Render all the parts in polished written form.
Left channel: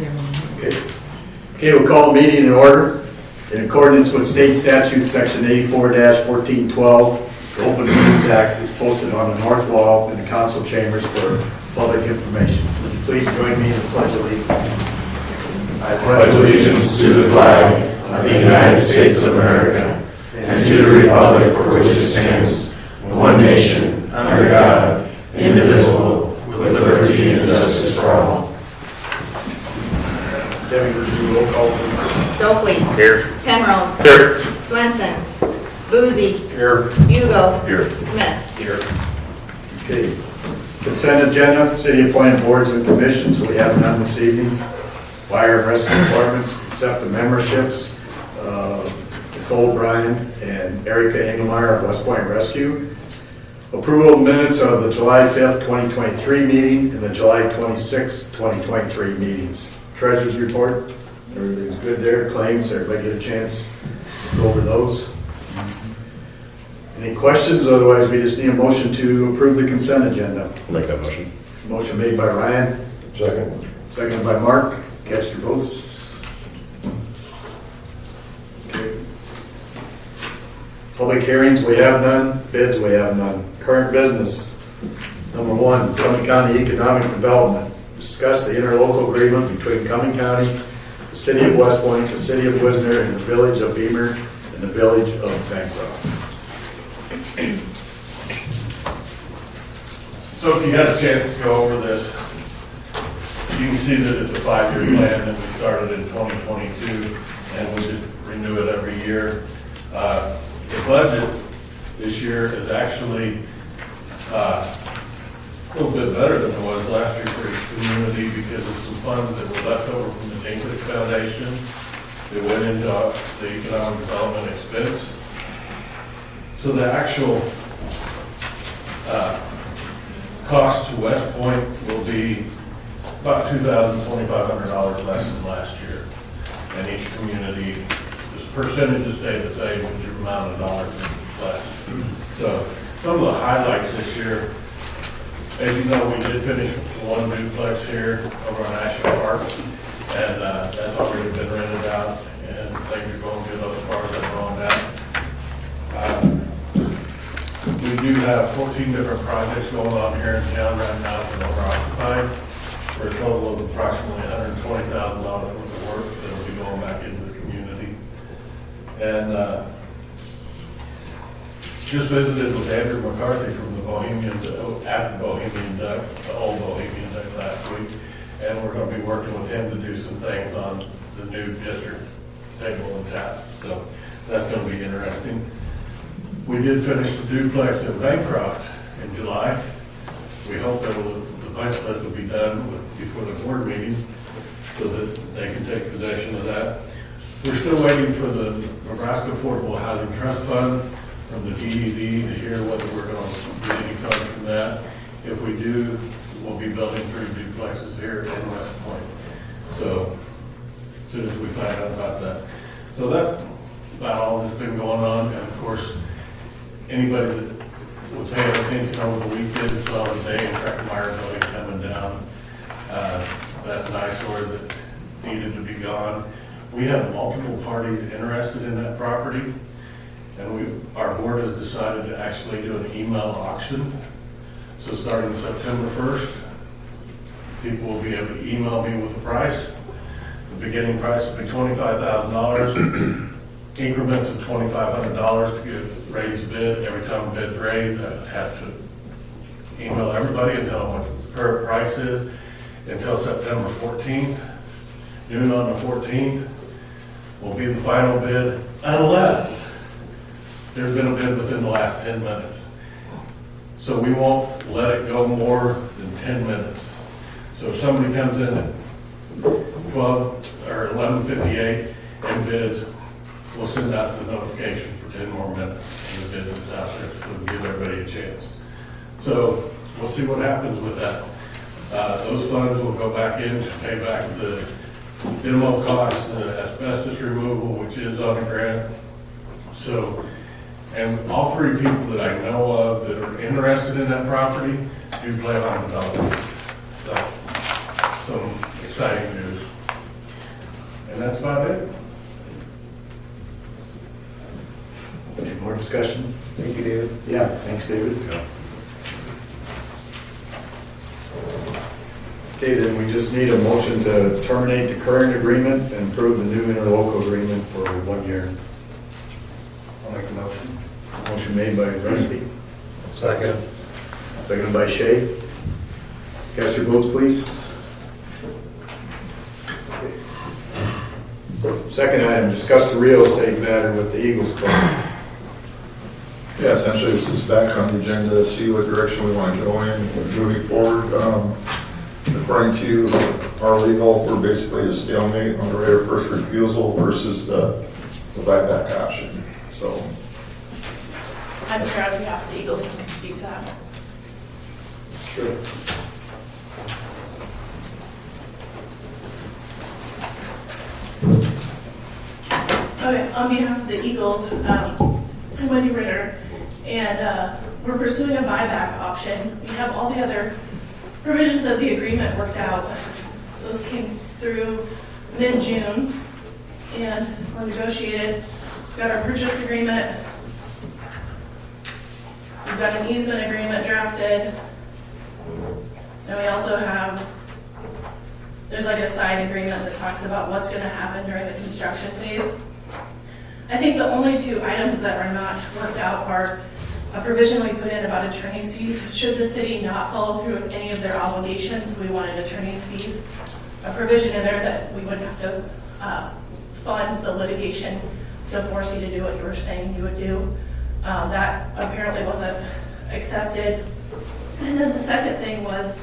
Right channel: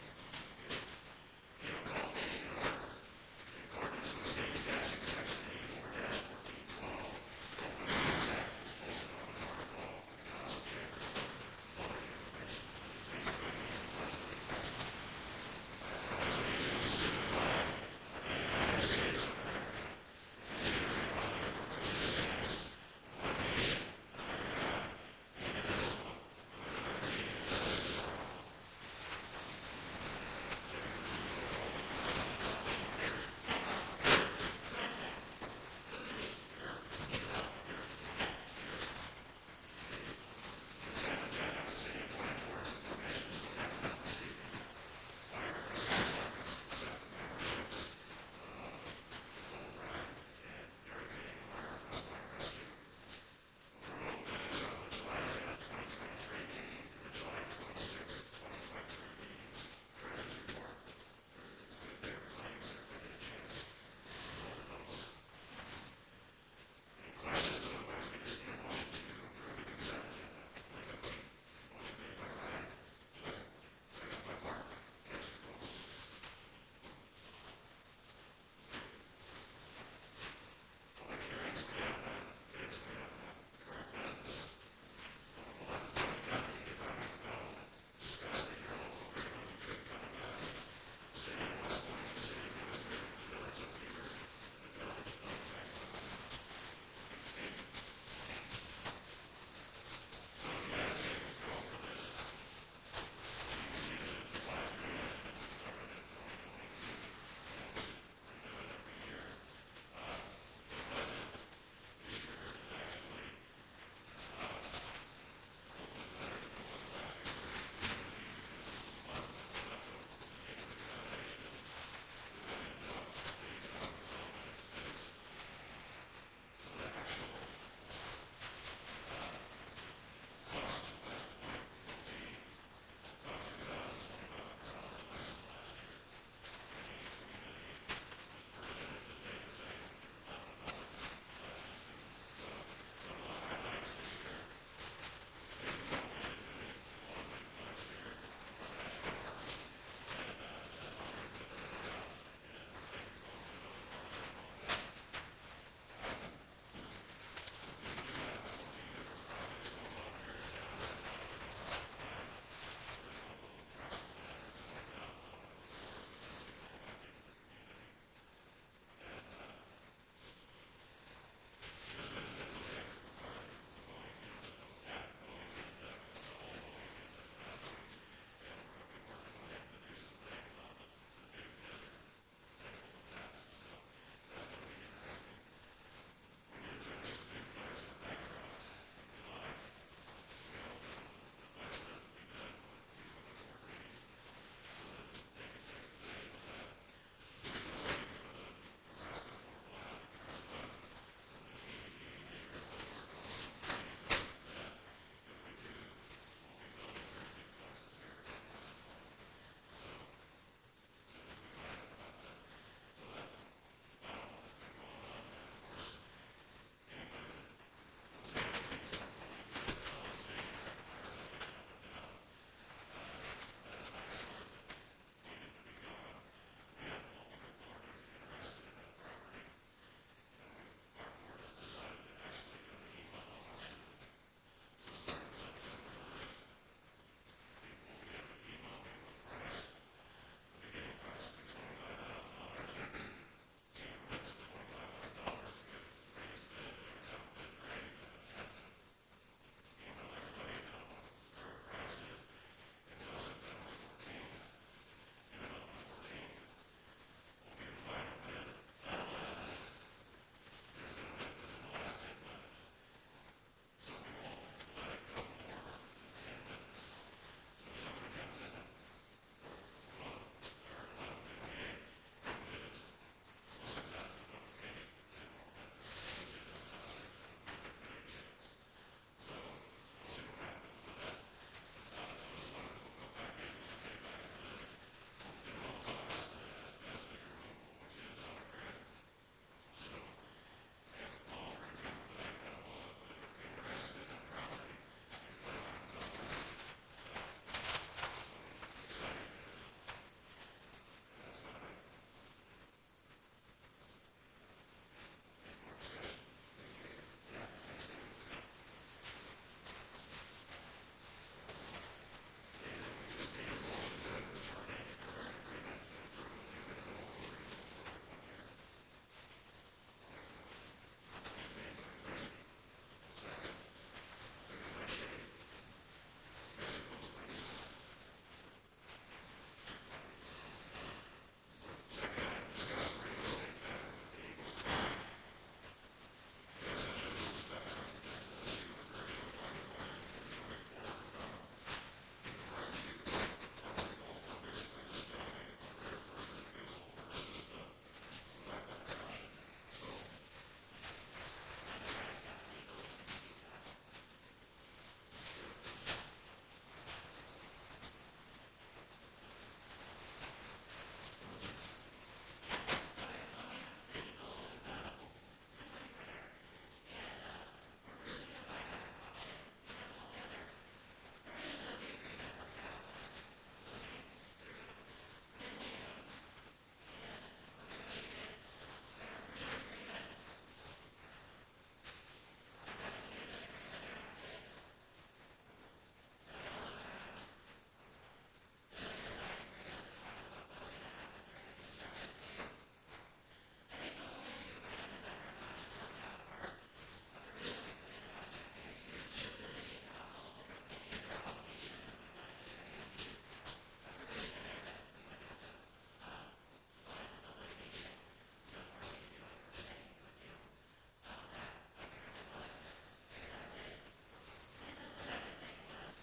Okay, we'll call the meeting in order. In accordance with state statute section 84-1412, the Open Meetings Act is posted on the north wall in the council chambers for public information. Would you please join me in the Pledge of Allegiance? I pledge allegiance to the flag of the United States of America and to the republic for which it stands, one nation, under God, indivisible, with liberty and justice for all. Debbie, would you roll call please? Stokely. Here. Penrose. Here. Swenson. Boozy. Here. Hugo. Here. Smith. Here. Okay. Consent agenda, city appointed boards and commissions, we have none this evening. Fire and rescue departments, accept the memberships, Nicole Bryan and Erica Engelmeyer of West Point Rescue. Approval of minutes of the July 5th, 2023 meeting and the July 26th, 2023 meetings. Treasurer's report, everything's good there. Claims, everybody get a chance to go over those. Any questions? Otherwise, we just need a motion to approve the consent agenda. I'll make that motion. Motion made by Ryan, Second. seconded by Mark. Cast your votes. Okay. Public hearings, we have none. Bids, we have none. Current business. Number one, Cumming County Economic Development. Discuss the interlocal agreement between Cumming County, the City of West Point, the City of Wisner, and the Village of Beamer, and the Village of Bancroft. So if you had a chance to go over this, you can see that it's a 5-year plan that we started in 2022, and we just renew it every year. The budget this year is actually a little bit better than it was last year for the community because of some funds that were left over from the Dinklage Foundation that went into the economic development expense. So the actual cost to West Point will be about $2,000-$2,500 less than last year. And each community, the percentages stay the same, but the amount of dollars is less. So some of the highlights this year, as you know, we did finish one duplex here over on National Park, and that's already been rented out, and things are going good as far as I'm on that. We do have 14 different projects going on here in town right now that are occupied for a total of approximately $120,000 worth of work that will be going back into the community. And just visited with Andrew McCarthy from the Bohemian, at the Bohemian Duck, the old Bohemian Duck last week, and we're going to be working with him to do some things on the new district table and tap. So that's going to be interesting. We did finish the duplex in Bancroft in July. We hope that the budget list will be done before the board meeting so that they can take possession of that. We're still waiting for the Nebraska Affordable Housing Trust Fund from the DED to hear whether we're going to get any funds from that. If we do, we'll be building 3 duplexes here in West Point. So as soon as we find out about that. So that's about all that's been going on. And of course, anybody that was paying attention over the weekend saw the day in Meyer building coming down. That's an eyesore that needed to be gone. We have multiple parties interested in that property, and our board has decided to actually do an email auction. So starting September 1st, people will be able to email me with the price. The beginning price will be $25,000. Increments of $2,500 to get raised bid. Every time a bid's raised, I have to email everybody and tell them what the current price is until September 14th. Noon on the 14th will be the final bid, unless there's been a bid within the last 10 minutes. So we won't let it go more than 10 minutes. So if somebody comes in at 12 or 11:58 and bids, we'll send out the notification for 10 more minutes and the bid is out there, so we'll give everybody a chance. So we'll see what happens with that. Those funds will go back in to pay back the minimum cost, the asbestos removal, which is on a grant. So, and all 3 people that I know of that are interested in that property do plan on developing. So, some exciting news. And that's about it. Any more discussion? Thank you, David. Yeah, thanks, David. Okay, then we just need a motion to terminate the current agreement and approve the new interlocal agreement for 1 year. I'll make a motion. Motion made by Rusty, Second. seconded by Shay. Cast your votes, please. Second item, discuss the real estate matter with the Eagles Club. Yeah, essentially, this is back on the agenda to see what direction we want to go in moving forward. According to our legal, we're basically a stalemate on the right of first refusal versus the buyback option. So, I'm sure on behalf of the Eagles, you can speak to that. Sure. Okay, on behalf of the Eagles, I'm Wendy Ritter, and we're pursuing a buyback option. We have all the other provisions of the agreement worked out. Those came through mid-June and were negotiated. We've got our purchase agreement. We've got an easement agreement drafted. And we also have, there's like a side agreement that talks about what's going to happen during the construction phase. I think the only two items that are not worked out are a provision we put in about attorney's fees. Should the city not follow through with any of their obligations, we wanted attorney's fees. A provision in there that we wouldn't have to fund the litigation to force you to do what you were saying you would do. That apparently wasn't accepted. And then the second thing was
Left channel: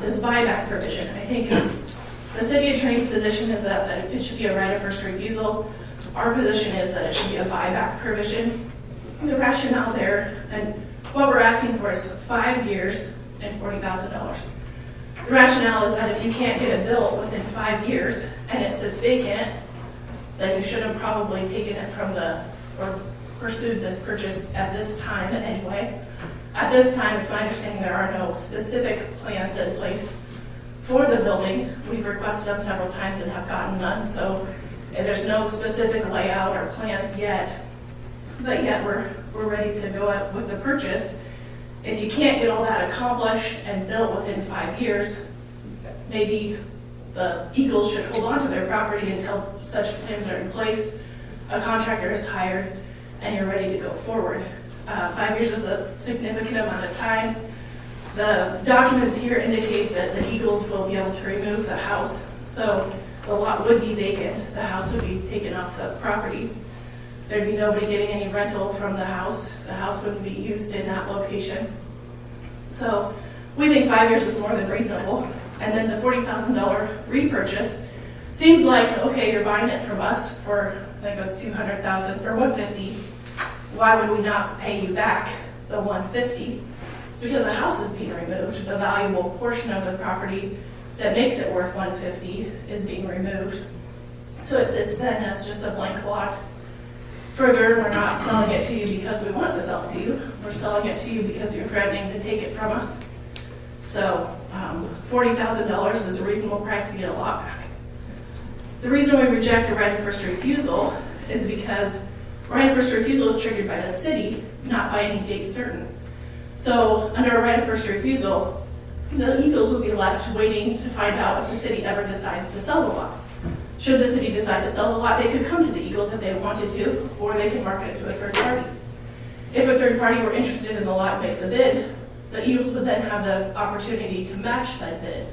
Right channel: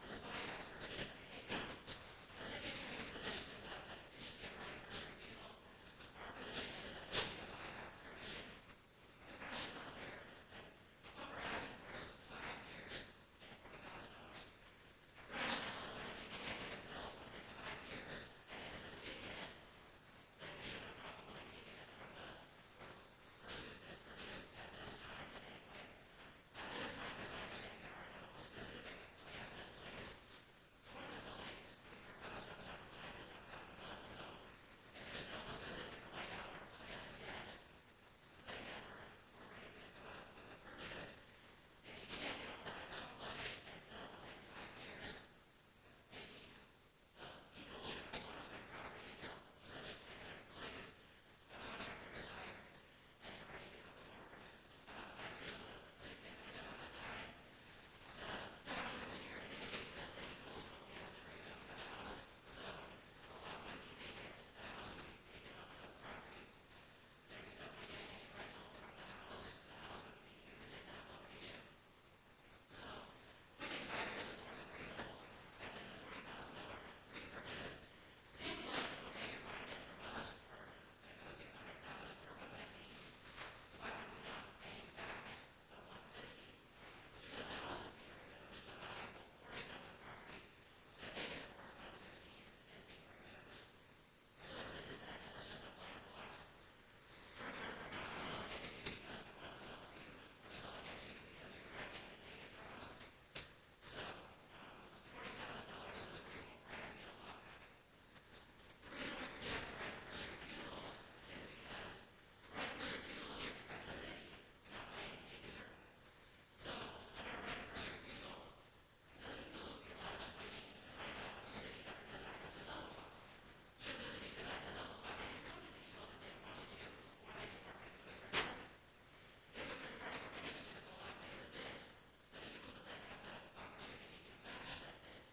this buyback provision. I think the city attorney's position is that it should be a right of first refusal. Our position is that it should be a buyback provision. The rationale there, and what we're asking for is 5 years and $40,000. The rationale is that if you can't get it built within 5 years and it sits vacant, then you should have probably taken it from or pursued this purchase at this time anyway. At this time, it's my understanding there are no specific plans in place for the building. We've requested them several times and have gotten none, so there's no specific layout or plans yet. But yet we're ready to go up with the purchase. If you can't get all that accomplished and built within 5 years, maybe the Eagles should hold on to their property until such plans are in place, a contractor is hired, and you're ready to go forward. 5 years is a significant amount of time. The documents here indicate that the Eagles will be able to remove the house, so the lot would be vacant. The house would be taken off the property. There'd be nobody getting any rental from the house. The house wouldn't be used in that location. So we think 5 years is more than reasonable. And then the $40,000 repurchase seems like, okay, you're buying it from us for, I think it was $200,000 or $150,000. Why would we not pay you back the $150,000? It's because the house is being removed. The valuable portion of the property that makes it worth $150,000 is being removed. So it sits then as just a blank lot. Further, we're not selling it to you because we want to sell it to you. We're selling it to you because you're threatening to take it from us. So $40,000 is a reasonable price to get a lot back. The reason we reject a right of first refusal is because right of first refusal is triggered by the city, not by any date certain. So under a right of first refusal, the Eagles will be left waiting to find out if the city ever decides to sell the lot. Should the city decide to sell the lot, they could come to the Eagles if they wanted to, or they could market it to a third party. If a third party were interested in the lot and makes a bid, the Eagles would then have the opportunity to match that bid.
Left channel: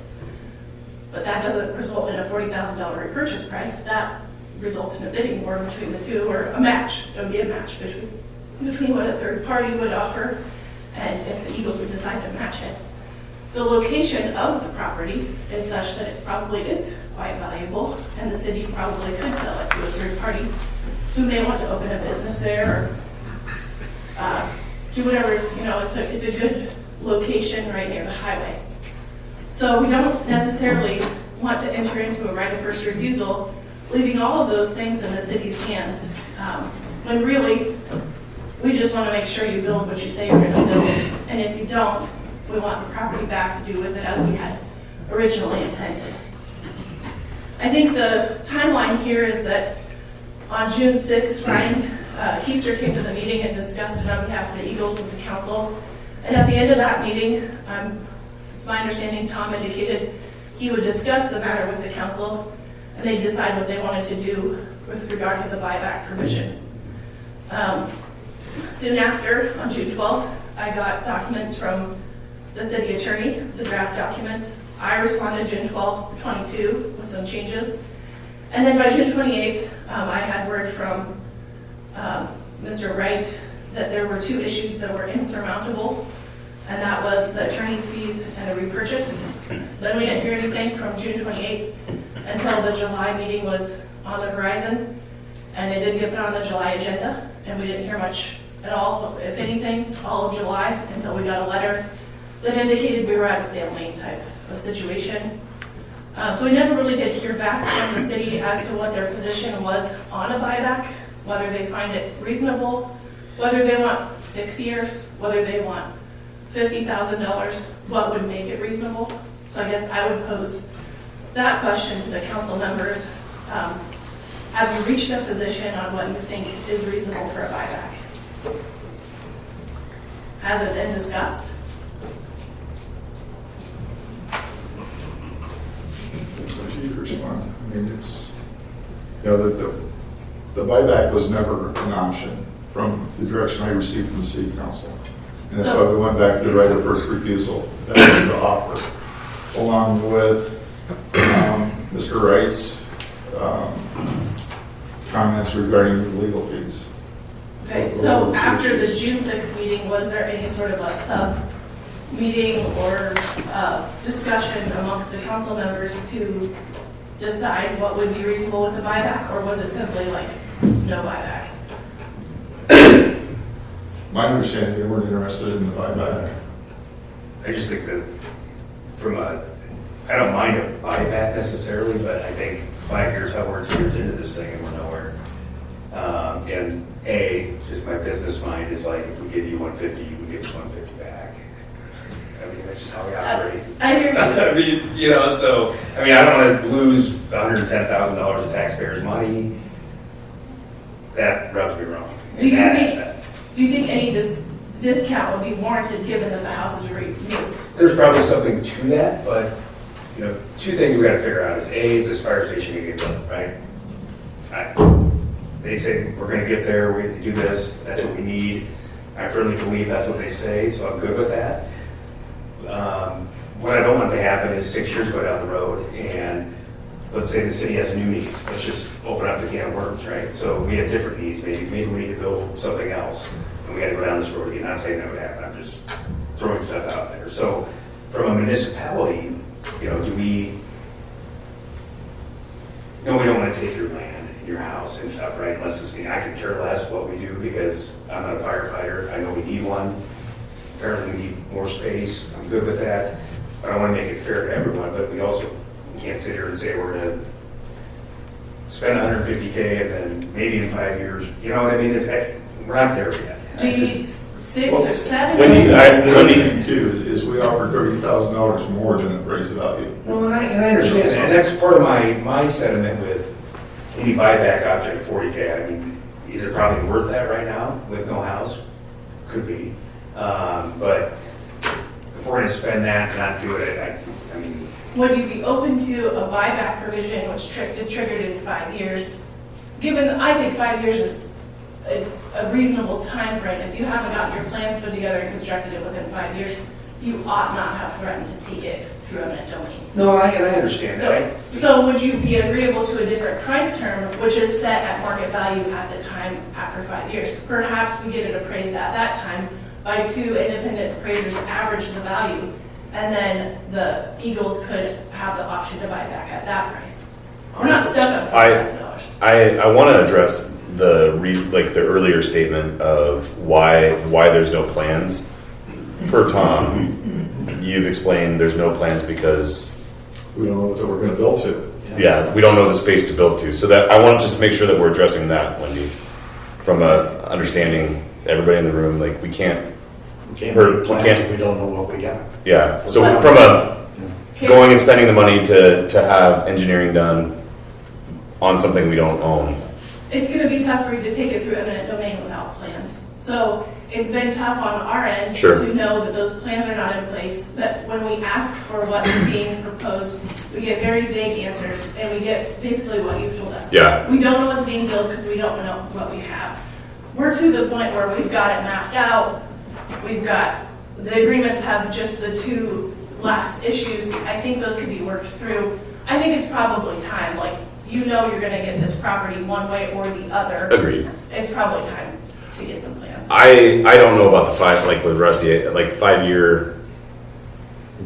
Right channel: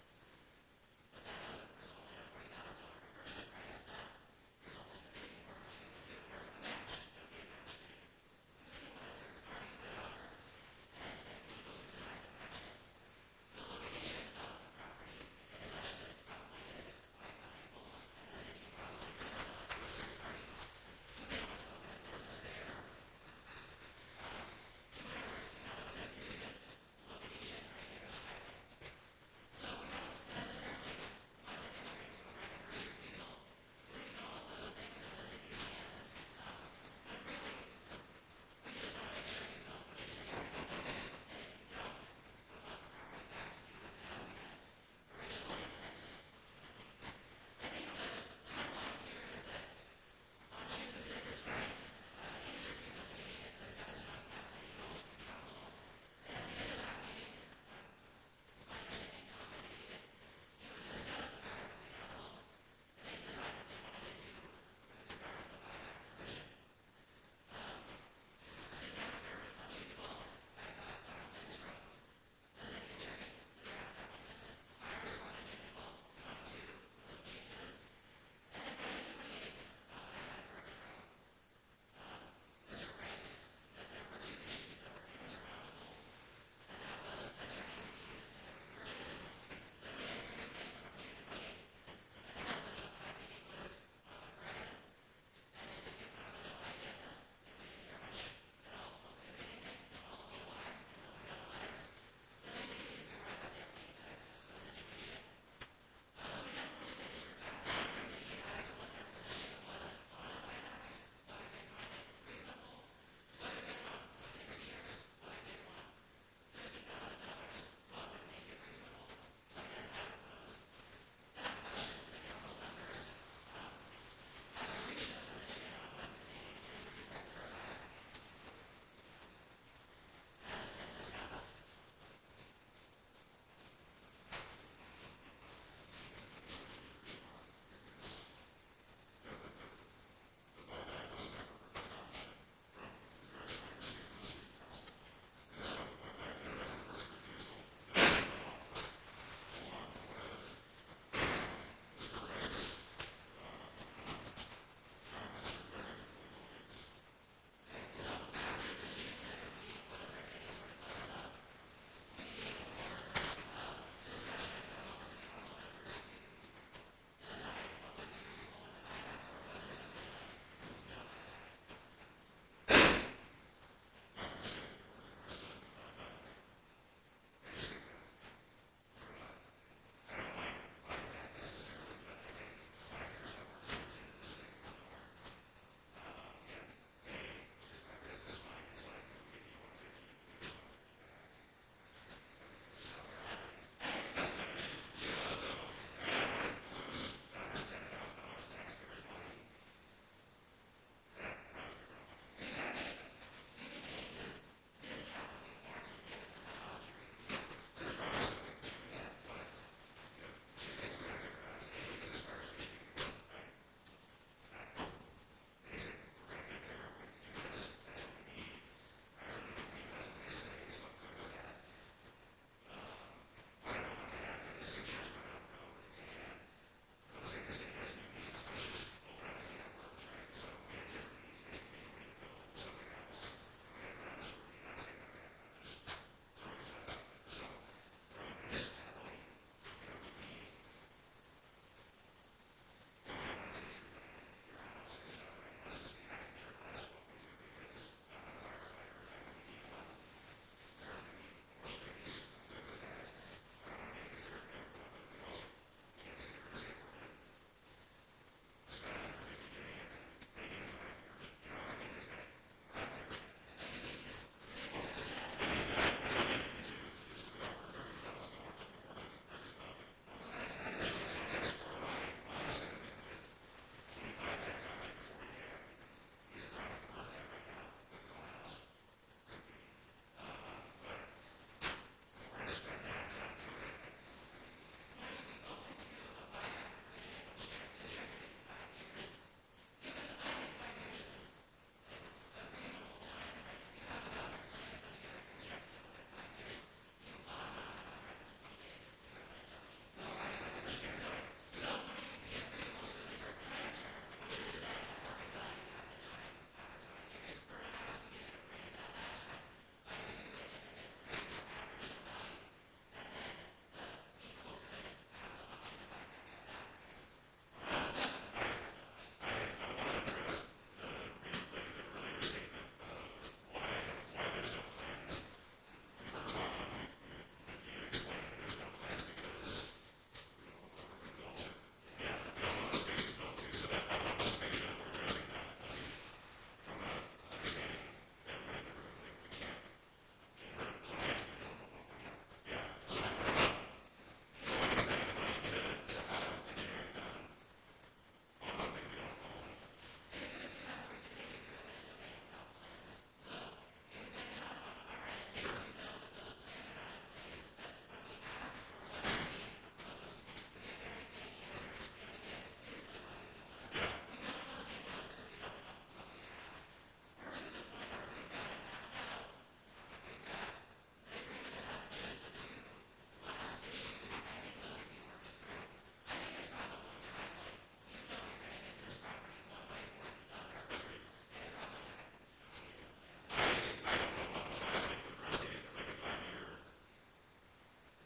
But that doesn't result in a $40,000 repurchase price. That results in a bidding war between the two, or a match. It would be a match between what a third party would offer and if the Eagles would decide to match it. The location of the property is such that it probably is quite valuable, and the city probably could sell it to a third party who may want to open a business there or do whatever. It's a good location right near the highway. So we don't necessarily want to enter into a right of first refusal, leaving all of those things in the city's hands, when really we just want to make sure you build what you say you're going to build, and if you don't, we want the property back to do with it as we had originally intended. I I think the timeline here is that on June 6th, Ryan Keister came to the meeting and discussed it on behalf of the Eagles with the council. And at the end of that meeting, it's my understanding Tom indicated he would discuss the matter with the council and they'd decide what they wanted to do with regard to the buyback provision. Soon after, on June 12th, I got documents from the city attorney, the draft documents. I responded June 12th, 22 with some changes. And then by June 28th, I had word from Mr. Wright that there were 2 issues that were insurmountable, and that was the attorney's fees and the repurchase. Then we didn't hear anything from June 28th until the July meeting was on the horizon, and it did get put on the July agenda, and we didn't hear much at all, if anything, all of July, until we got a letter that indicated we were at a stalemate type of situation. So we never really did hear back from the city as to what their position was on a buyback, whether they find it reasonable, whether they want 6 years, whether they want $50,000, what would make it reasonable. So I guess I would pose that question to the council members. Have you reached a position on what you think is reasonable for a buyback? Has it been discussed? It's up to you to respond. I mean, it's, you know, the buyback was never an option from the direction I received from the city council. And that's why we went back to the right of first refusal. That was the offer, along with Mr. Wright's comments regarding the legal fees. Okay, so after the June 6th meeting, was there any sort of a sub-meeting or discussion amongst the council members to decide what would be reasonable with the buyback, or was it simply like, no buyback? My understanding, they weren't interested in the buyback. I just think that I don't mind a buyback necessarily, but I think 5 years, how we're 2 years into this thing and we're nowhere. And just my business mind is like, if we give you 150, you can give us 150 back. I mean, that's just how we operate. I hear you. I mean, you know, so, I mean, I don't want to lose $110,000 of taxpayers' money. That rubs me wrong. Do you think any discount would be warranted given that the house is new? There's probably something to that, but, you know, 2 things we got to figure out is this fire station going to get built, right? They say we're going to get there, we have to do this, that's what we need. I firmly believe that's what they say, so I'm good with that. What I don't want to happen is 6 years go down the road and let's say the city has a new need. Let's just open up the can of worms, right? So we have different needs. Maybe we need to build something else, and we got to go down this road again. Not saying that would happen. I'm just throwing stuff out there. So from a municipality, you know, we don't want to take your land, your house, and stuff, right? Unless it's me. I could care less what we do because I'm not a firefighter. I know we need one. Apparently, we need more space. I'm good with that. But I want to make it fair to everyone. But we also can't sit here and say we're going to spend $150K and then maybe in 5 years, you know what I mean? We're not there yet. Do you need 6 or 7? The other thing too is we offer $30,000 more than appraised value. No, and I understand that. And that's part of my sentiment with any buyback object of 40K. I mean, is it probably worth that right now with no house? Could be. But if we're going to spend that and not do it, I mean, would you be open to a buyback provision which is triggered in 5 years? Given, I think 5 years is a reasonable time frame. If you haven't got your plans put together and constructed it within 5 years, you ought not have threatened to take it through eminent domain. no, I understand that. So would you be agreeable to a different price term, which is set at market value at the time after 5 years? Perhaps we get it appraised at that time by 2 independent appraisers average the value, and then the Eagles could have the option to buy back at that price. We're not stuck on $5,000. I want to address the earlier statement of why there's no plans. Per Tom, you've explained there's no plans because We don't know what we're going to build to. we don't know the space to build to. So that I want just to make sure that we're addressing that, Wendy, from understanding everybody in the room. Like we can't. We don't know what we got. Yeah. So from going and spending the money to have engineering done on something we don't own. It's gonna be tough for you to take it through eminent domain without plans. So it's been tough on our end Sure. to know that those plans are not in place, that when we ask for what is being proposed, we get very vague answers, and we get basically what you've told us. Yeah. We don't know what's being built because we don't know what we have. We're to the point where we've got it mapped out, the agreements have just the two last issues. I think those could be worked through. I think it's probably time, like, you're gonna get this property one way or the other. Agreed. It's probably time to get some plans. I don't know about the 5, like with Rusty, like 5-year,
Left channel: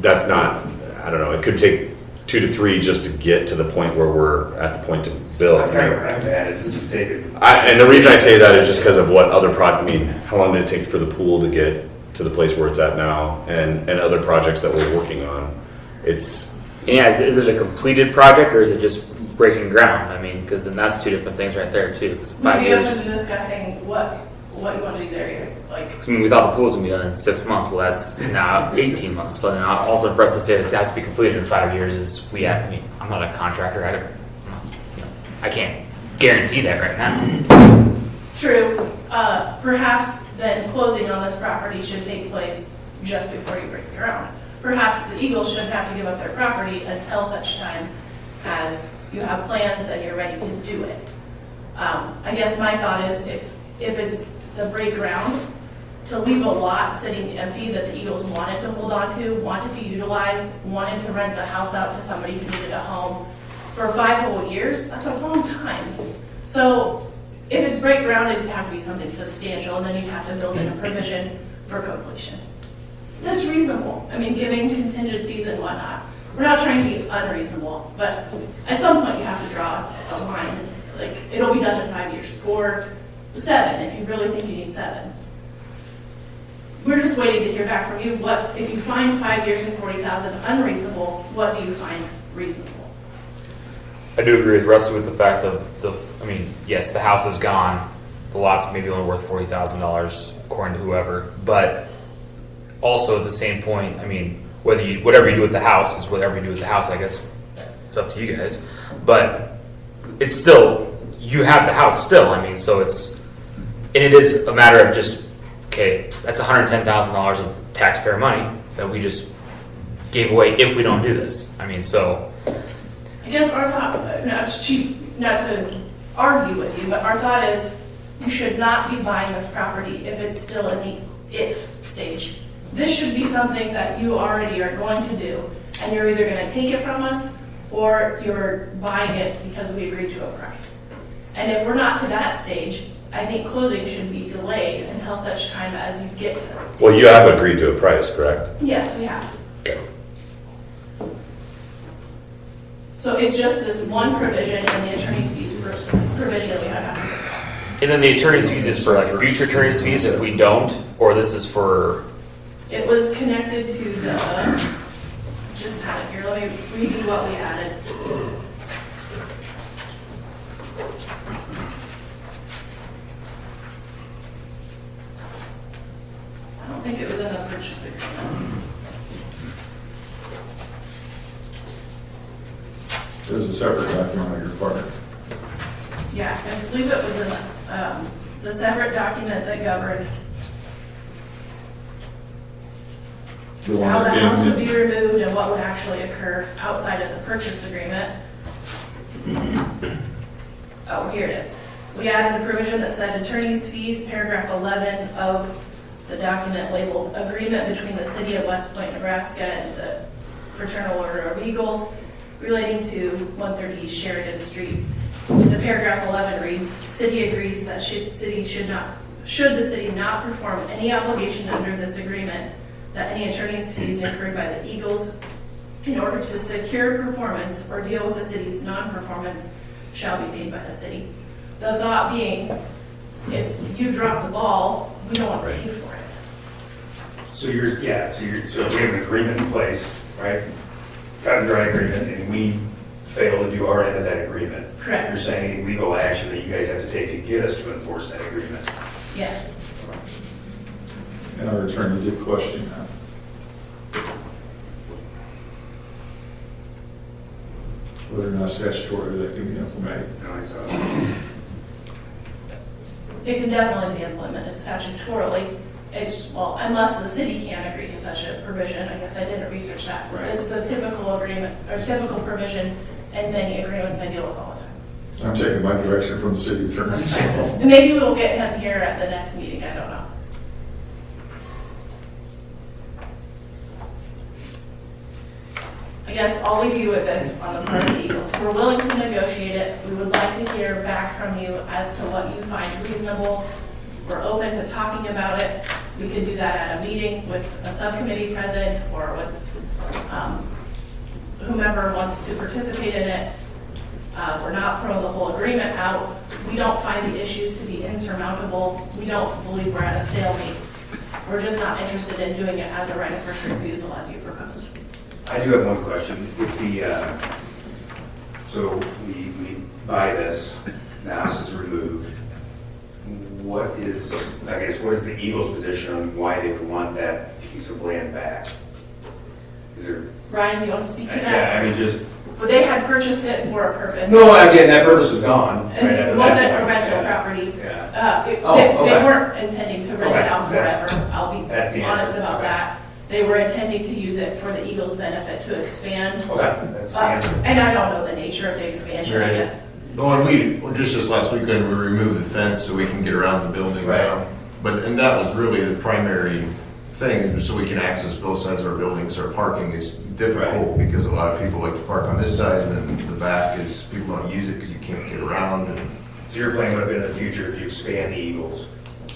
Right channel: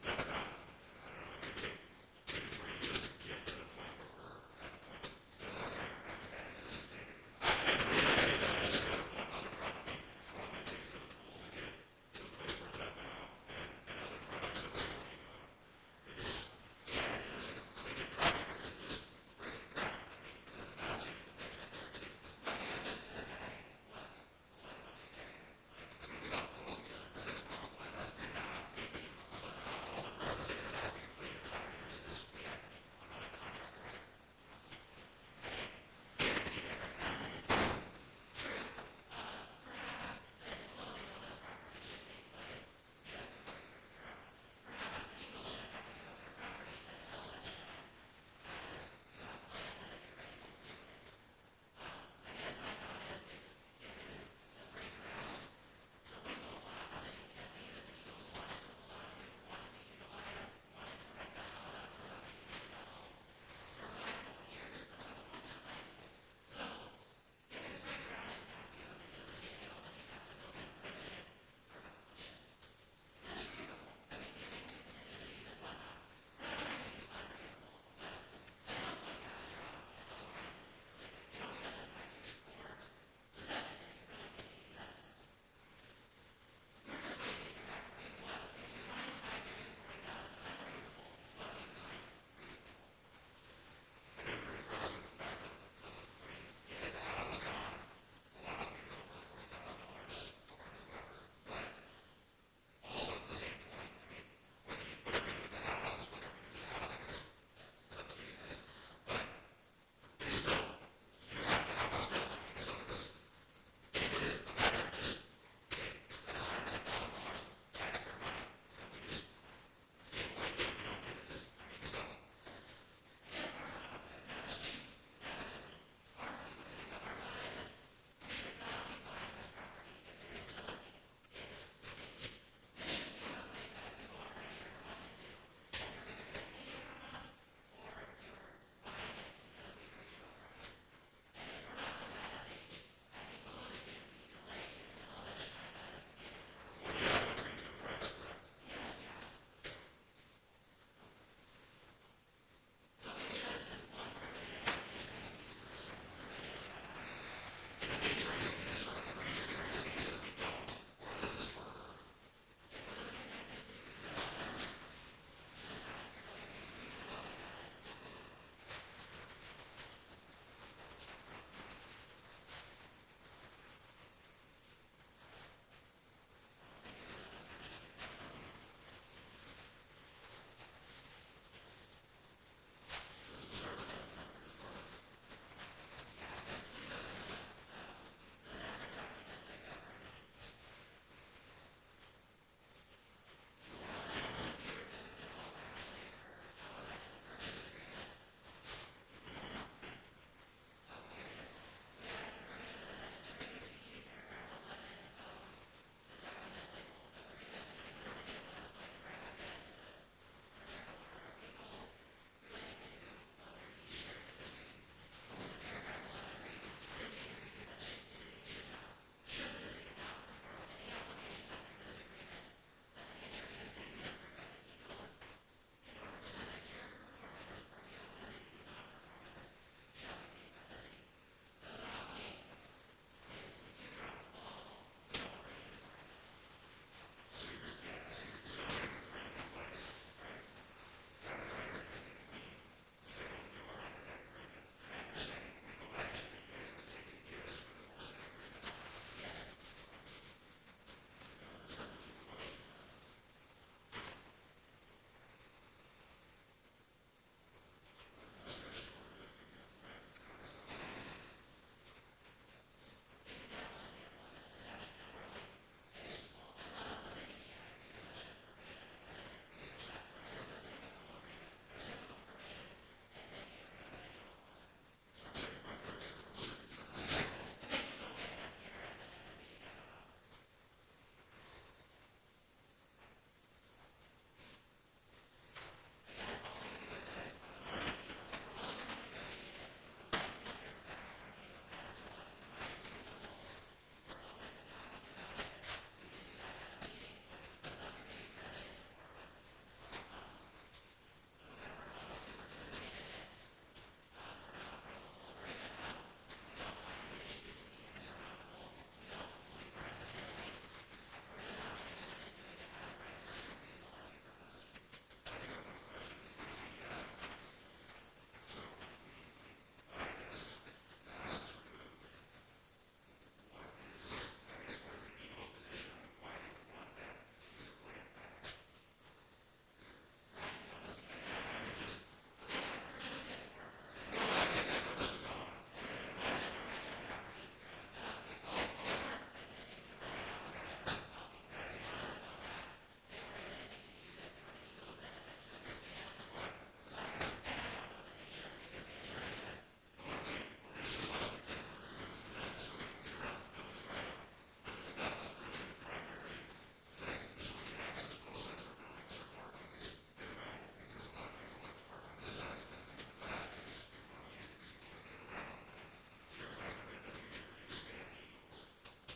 that's not, I don't know, it could take 2 to 3 just to get to the point where we're at the point to build. That's kind of where I'm at, is to take it. And the reason I say that is just because of what other how long did it take for the pool to get to the place where it's at now, and other projects that we're working on. Yeah, is it a completed project or is it just breaking ground? I mean, because then that's two different things right there too. 'Cause 5 We'd be years. open to discussing what you want to do there. Like, I mean, we thought the pool was gonna be done in 6 months. Well, that's now 18 months. So then also for us to say that it has to be completed in 5 years is I mean, I'm not a contractor. I can't guarantee that right now. true, perhaps then closing on this property should take place just before you break ground. Perhaps the Eagles shouldn't have to give up their property until such time as you have plans and you're ready to do it. I guess my thought is if it's the break ground, to leave a lot sitting empty that the Eagles wanted to hold on to, wanted to utilize, wanted to rent the house out to somebody who needed a home for 5 whole years, that's a long time. So if it's break ground, it'd have to be something substantial, and then you'd have to build in a provision for completion. That's reasonable. I mean, giving contingencies and whatnot. We're not trying to be unreasonable, but at some point you have to draw a line. Like, it'll be done in 5 years, or 7 if you really think you need 7. We're just waiting to hear back from you. What if you find 5 years and 40,000 unreasonable? What do you find reasonable? I do agree with Rusty with the fact of yes, the house is gone. The lot's maybe only worth $40,000 according to whoever, but also at the same point, I mean, whatever you do with the house is whatever you do with the house. I guess it's up to you guys, but it's still, you have the house still. I mean, so it is a matter of just, okay, that's $110,000 of taxpayer money that we just gave away if we don't do this. I mean, so. I guess our thought, not to argue with you, but our thought is you should not be buying this property if it's still in the if stage. This should be something that you already are going to do, and you're either going to take it from us or you're buying it because we agreed to a price. And if we're not to that stage, I think closing should be delayed until such time as you get to that stage. Well, you have agreed to a price, correct? Yes, we have. Okay. So it's just this one provision in the attorney's fees provision that we have. And then the attorney's fees is for like future attorney's fees if we don't, or this is for. It was connected to the, just had it here, let me read you what we added. I don't think it was in the purchase agreement. There's a separate document on your part. Yeah, I believe it was in the separate document that governed The one how the that house would came be removed and what would actually occur outside of the purchase agreement. Oh, here it is. We added a provision that said attorney's fees, paragraph 11 of the document labeled agreement between the city of West Point, Nebraska and the Fraternal Order of Eagles relating to 130 Sheridan Street. The paragraph 11 reads, city agrees that should the city not perform any obligation under this agreement, that any attorney's fees incurred by the Eagles in order to secure performance or deal with the city's non-performance shall be paid by the city. The thought being, if you drop the ball, we don't want to pay for it. So we have an agreement in place, right? Cut and dry agreement, and we fail to do our end of that agreement. Correct. You're saying legal action that you guys have to take to get us to enforce that agreement. Yes. And our attorney did question that. whether or not statutory that can be implemented. No, I saw It can definitely be implemented statutorily. It's, well, unless the city can't agree to such a provision. I guess I didn't research that. Right. It's the typical agreement, or typical provision in many agreements I deal with all the time. I'm taking my direction from the city attorney, so. And maybe we'll get him here at the next meeting, I don't know. I guess I'll leave you with this on the part of the Eagles. We're willing to negotiate it. We would like to hear back from you as to what you find reasonable. We're open to talking about it. We could do that at a meeting with a subcommittee present or with whomever wants to participate in it. We're not throwing the whole agreement out. We don't find the issues to be insurmountable. We don't believe we're at a stalemate. We're just not interested in doing it as a right of first refusal as you proposed. I do have one question. With the, so we buy this, the house is removed. What is the Eagles' position on why they would want that piece of land back? Is there? Ryan, you want to speak to that? Yeah, I mean, just. Well, they had purchased it for a purpose. No, again, that purpose is gone. And right it after wasn't that. a rental Yeah. property. Yeah. They okay. weren't intending to rent Okay. it out forever. I'll be That's the honest answer. about Okay. that. They were intending to use it for the Eagles' benefit to expand. Okay, that's the answer. And I don't know the nature of the expansion, I Right. guess. Well, and just this last weekend, we removed the fence so we can get around the building Right. now. And that was really the primary thing, so we can access both sides of our buildings. Our parking is difficult because a lot of people like to park on this side, and then the back is, people don't use it because you can't get around. And So your plan would have been in the future if you expand the Eagles,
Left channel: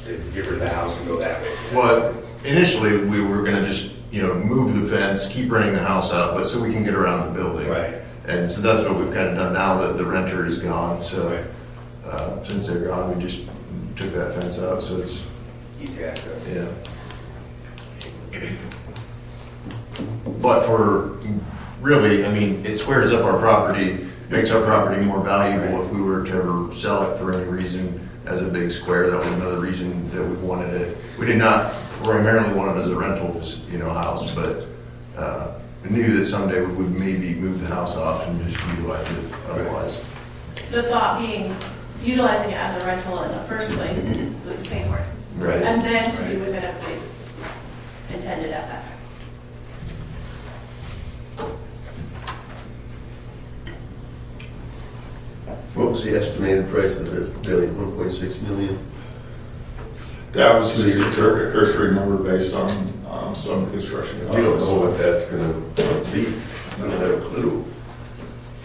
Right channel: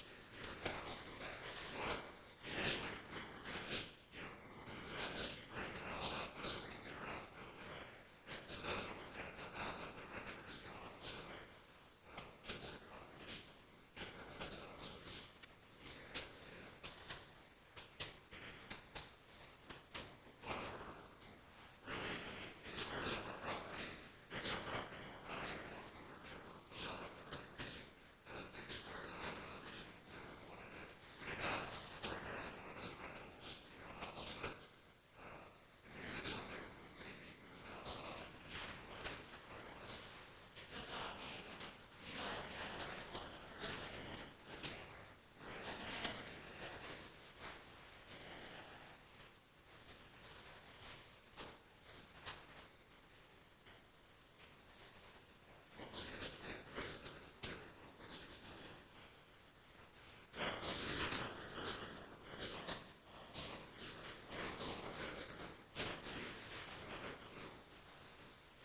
to get rid of the house and go that way? Well, initially, we were gonna just, move the fence, keep renting the house out, but so we can get around the building. Right. And so that's what we've kind of done now that the renter is gone, so, Right. since they're gone, we just took that fence out, so it's, Easy access. yeah. But for, really, it squares up our property, makes our property more valuable if we were to ever sell it for any reason as a big square. That was another reason that we wanted it. We did not primarily want it as a rental, house, but we knew that someday we would maybe move the house off and just utilize it otherwise. The thought being, utilizing it as a rental in the first place was to pay for it. Right. And then to do with it as they intended at that time. What was the estimated price of the building, 1.6 million? That was just a cursory number based on some of the construction We don't costs. know what that's gonna be, we don't have a clue.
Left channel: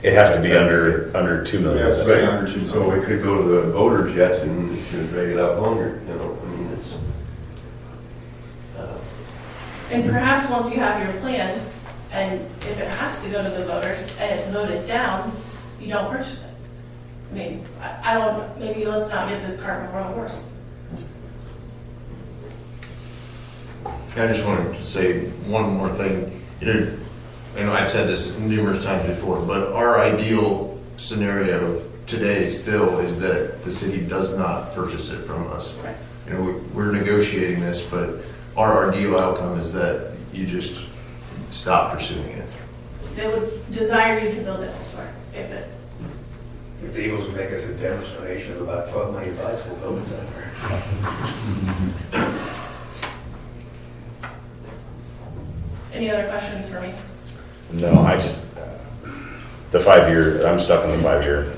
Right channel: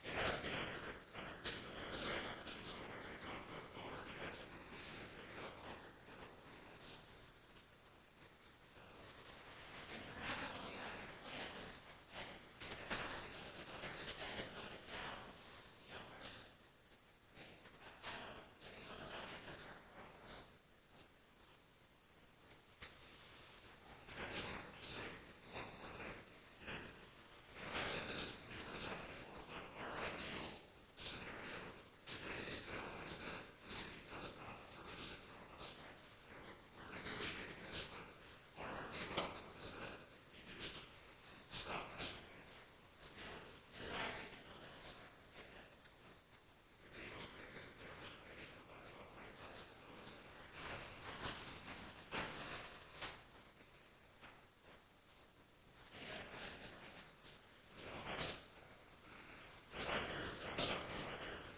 It has to be under 2 million. Yeah, it's Right. right under 2 So we could go to the voters yet and drag it out longer, it's. And perhaps once you have your plans, and if it has to go to the voters and it's voted down, you don't purchase it. I don't, maybe let's not get this cart before the horse. I just wanted to say one more thing. I know I've said this numerous times before, but our ideal scenario today still is that the city does not purchase it from us. Right. We're negotiating this, but our ideal outcome is that you just stop pursuing it. They would desire you to build it elsewhere, if it, If the Eagles would make us a generous donation of about $12 million, we'll build it somewhere. any other questions for me? No, I just, the 5-year, I'm stuck on the 5-year.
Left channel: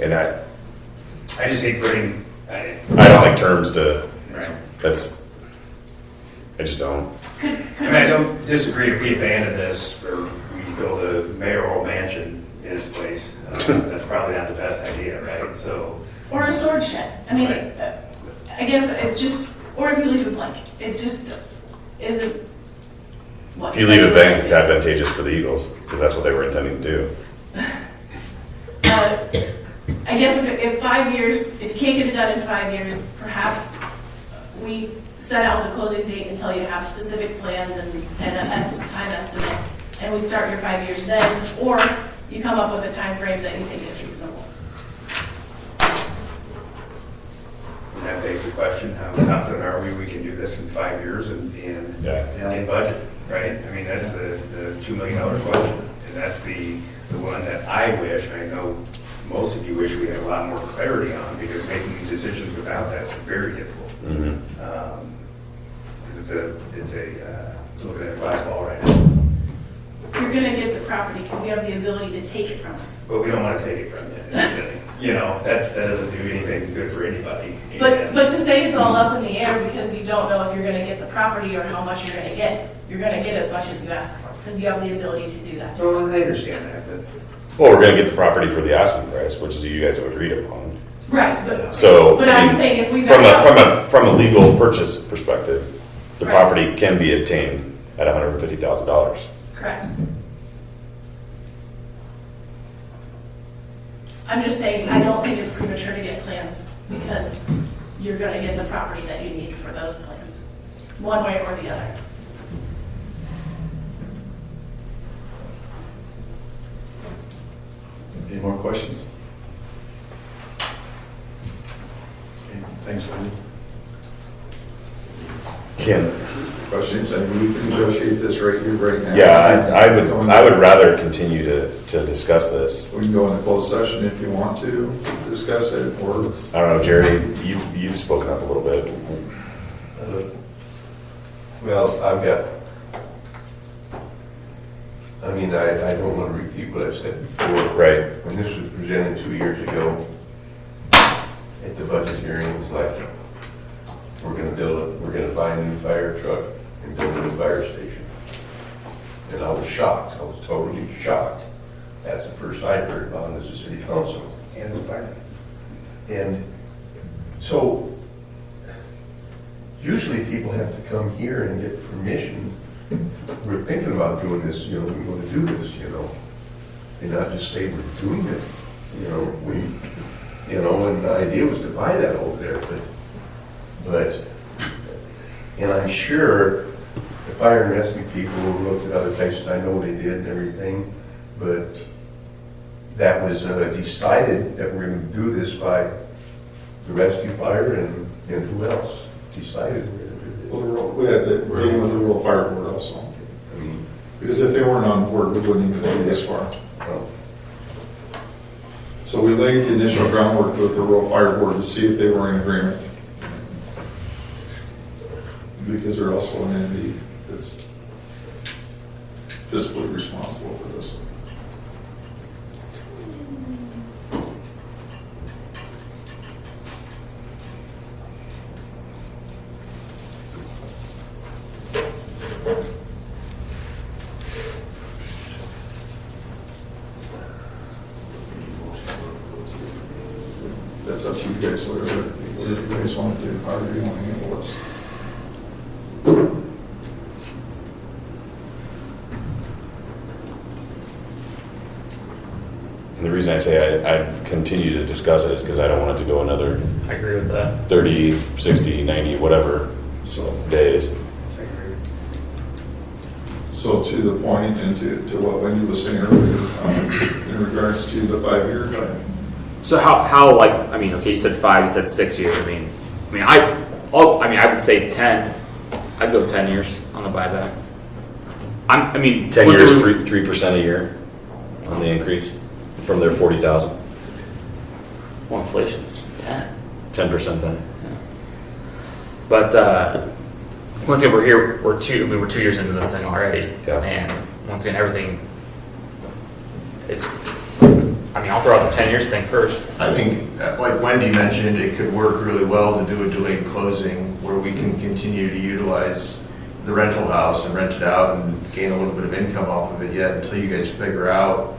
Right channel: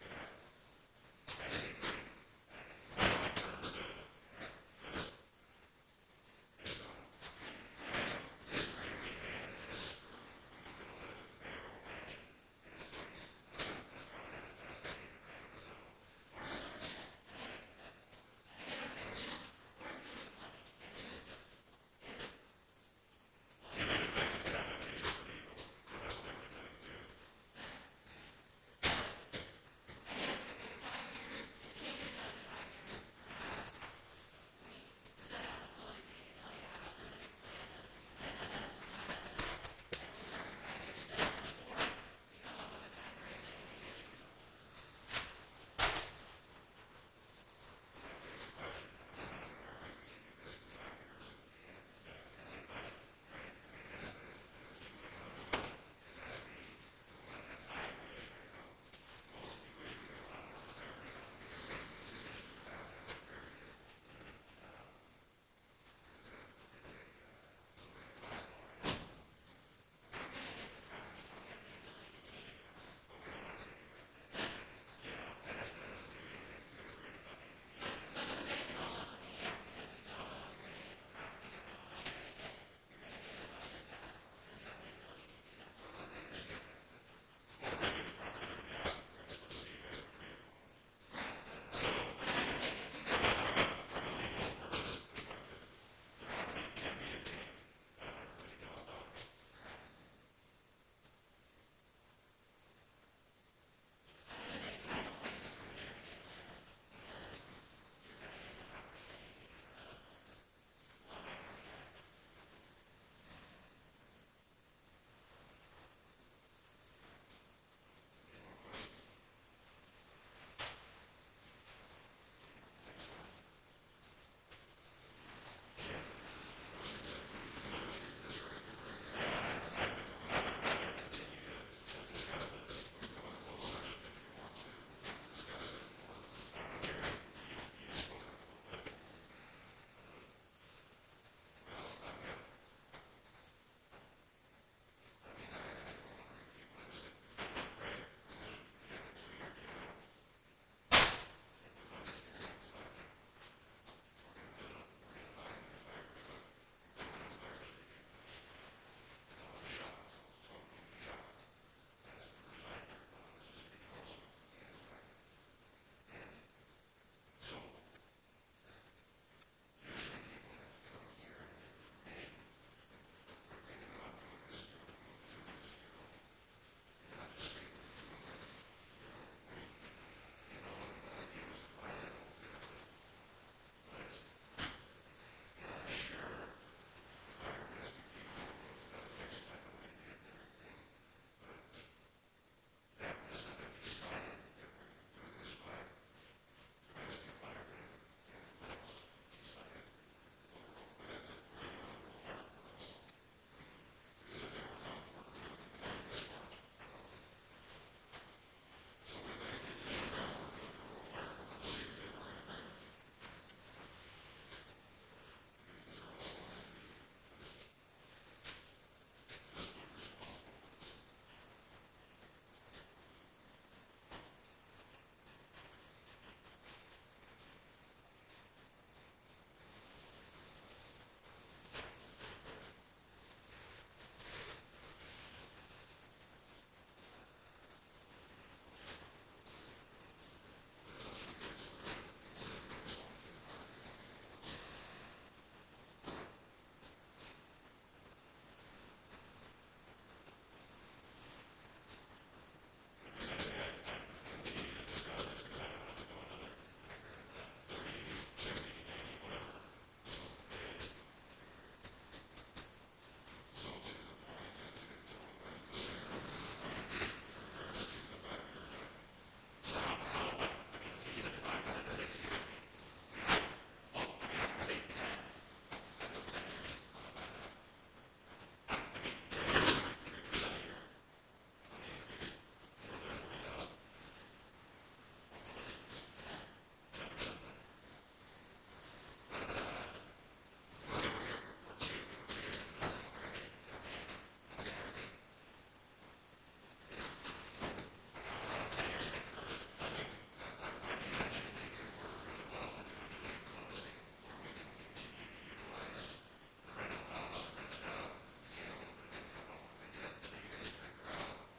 And I just hate putting, don't like terms to, right. I just don't. I don't disagree if we abandon this or we build a mayoral mansion in its place. That's probably not the best idea, right? So, Or a storage shed. Right. I guess it's just, or if you leave it blank, it just isn't. If you leave it blank, it's advantageous for the Eagles, because that's what they were intending to do. I guess if 5 years, if you can't get it done in 5 years, perhaps we set out the closing date until you have specific plans and an time estimate, and we start your 5 years then, or you come up with a time frame that you think is reasonable. and that begs the question, how confident are we can do this in 5 years and Yeah. in budget, right? I mean, that's the $2 million question. And that's the one that I wish, and I know most of you wish we had a lot more clarity on, because making decisions without that is very difficult. Because it's a looking at a black ball right now. You're gonna get the property because you have the ability to take it from us. But we don't want to take it from you. You know, that doesn't do anything good for anybody. But to say it's all up in the air because you don't know if you're gonna get the property or how much you're gonna get. You're gonna get as much as you ask for, because you have the ability to do that. Well, I understand that, but Well, we're going to get the property for the asking price, which is you guys have agreed upon. Right, but So, But I I'm mean, saying if we from back a from a legal purchase perspective, the Right. property can be obtained at $150,000. correct. I'm just saying, I don't think it's premature to get plans because you're gonna get the property that you need for those plans, one way or the other. Any more questions? Okay, thanks, Wendy. Can Questions, and we can negotiate this right here, right now. yeah, I would rather continue to discuss this. We can go into closed session if you want to discuss it, or I don't know, Jerry, you've spoken up a little bit. Well, I don't want to repeat what I've said before. Right. When this was presented 2 years ago at the budget hearing, it was like, we're going to buy a new fire truck and build a new fire station. And I was shocked. I was totally shocked. That's the first I heard about it as a city council. and the fire. And so, usually people have to come here and get permission. We're thinking about doing this, we want to do this, and not just say we're doing it. And the idea was to buy that over there, and I'm sure the fire and rescue people looked at other places, I know they did and everything, but that was decided that we're going to do this by the rescue fire and who else decided we're going to do this. well, we had the meeting with the rural fire board also. I mean, Because if they weren't on board, we wouldn't even go this far. well, So we laid the initial groundwork with the rural fire board to see if they were in agreement. Because they're also an entity that's fiscally responsible for this. That's up to you guys, whatever you guys want to do, however you want to handle this. And the reason I say I continue to discuss it is because I don't want it to go another I agree with that. 30, 60, 90, whatever So, days. so to the point and to what Wendy was saying earlier, in regards to the 5-year guide. So how like, I mean, okay, you said 5, you said 6 years. I would say 10. I'd go 10 years on the buyback. 10 what's years, the- 3% a year on the increase from their 40,000. Well, inflation's 10. 10% then. But once again, we're here. We're 2 years into this thing already, Yeah. and once again, everything is. I'll throw out the 10 years thing first. I think, like Wendy mentioned, it could work really well to do a delayed closing where we can continue to utilize the rental house and rent it out and gain a little bit of income off of it yet until you guys figure out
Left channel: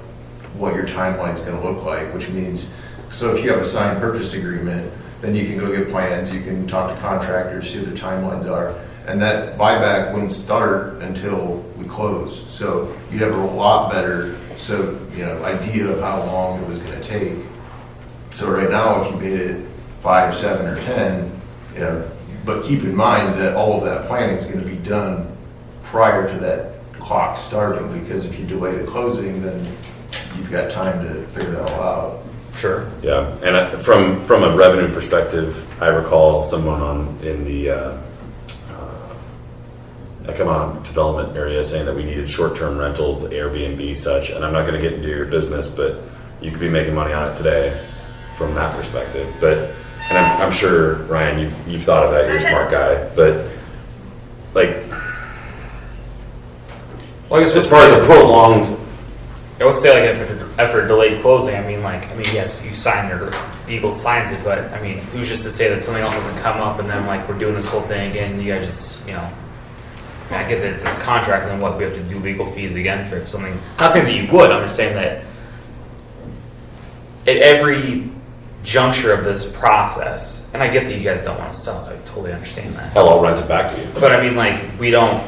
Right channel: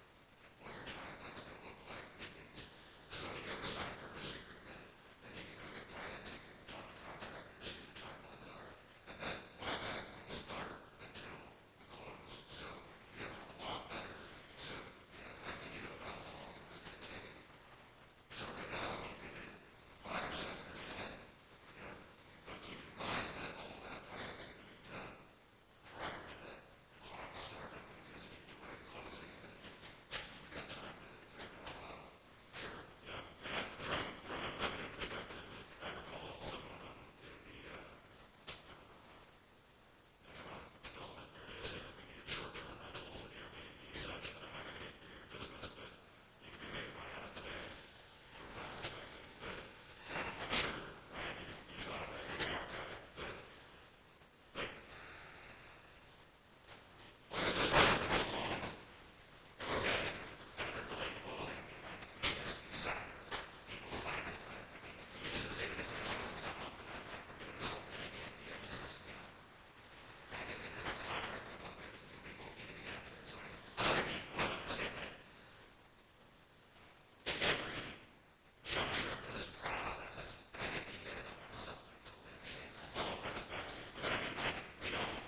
what your timeline's going to look like, which means, so if you have a signed purchase agreement, then you can go get plans, you can talk to contractors, see what the timelines are, and that buyback wouldn't start until we close. So you'd have a lot better idea of how long it was going to take. So right now, if you made it 5, 7, or 10, but keep in mind that all of that planning is going to be done prior to that clock starting, because if you delay the closing, then you've got time to figure that all out. Sure. Yeah, and from a revenue perspective, I recall someone in the I come on development area saying that we needed short-term rentals, Airbnb, such, and I'm not going to get into your business, but you could be making money on it today from that perspective. But, and I'm sure, Ryan, you've thought of that. You're a smart guy, but like, Well, I guess as far as a prolonged, I would say like after delayed closing, I mean, yes, you sign or the Eagle signs it, but I mean, who's just to say that something else doesn't come up and then like we're doing this whole thing again, you guys just, you know, I get that it's a contract and what we have to do legal fees again for something. Not saying that you would, I'm just saying that at every juncture of this process, and I get that you guys don't want to sell it, I totally understand that. hell, I'll rent it back to you. But I mean, like, we don't.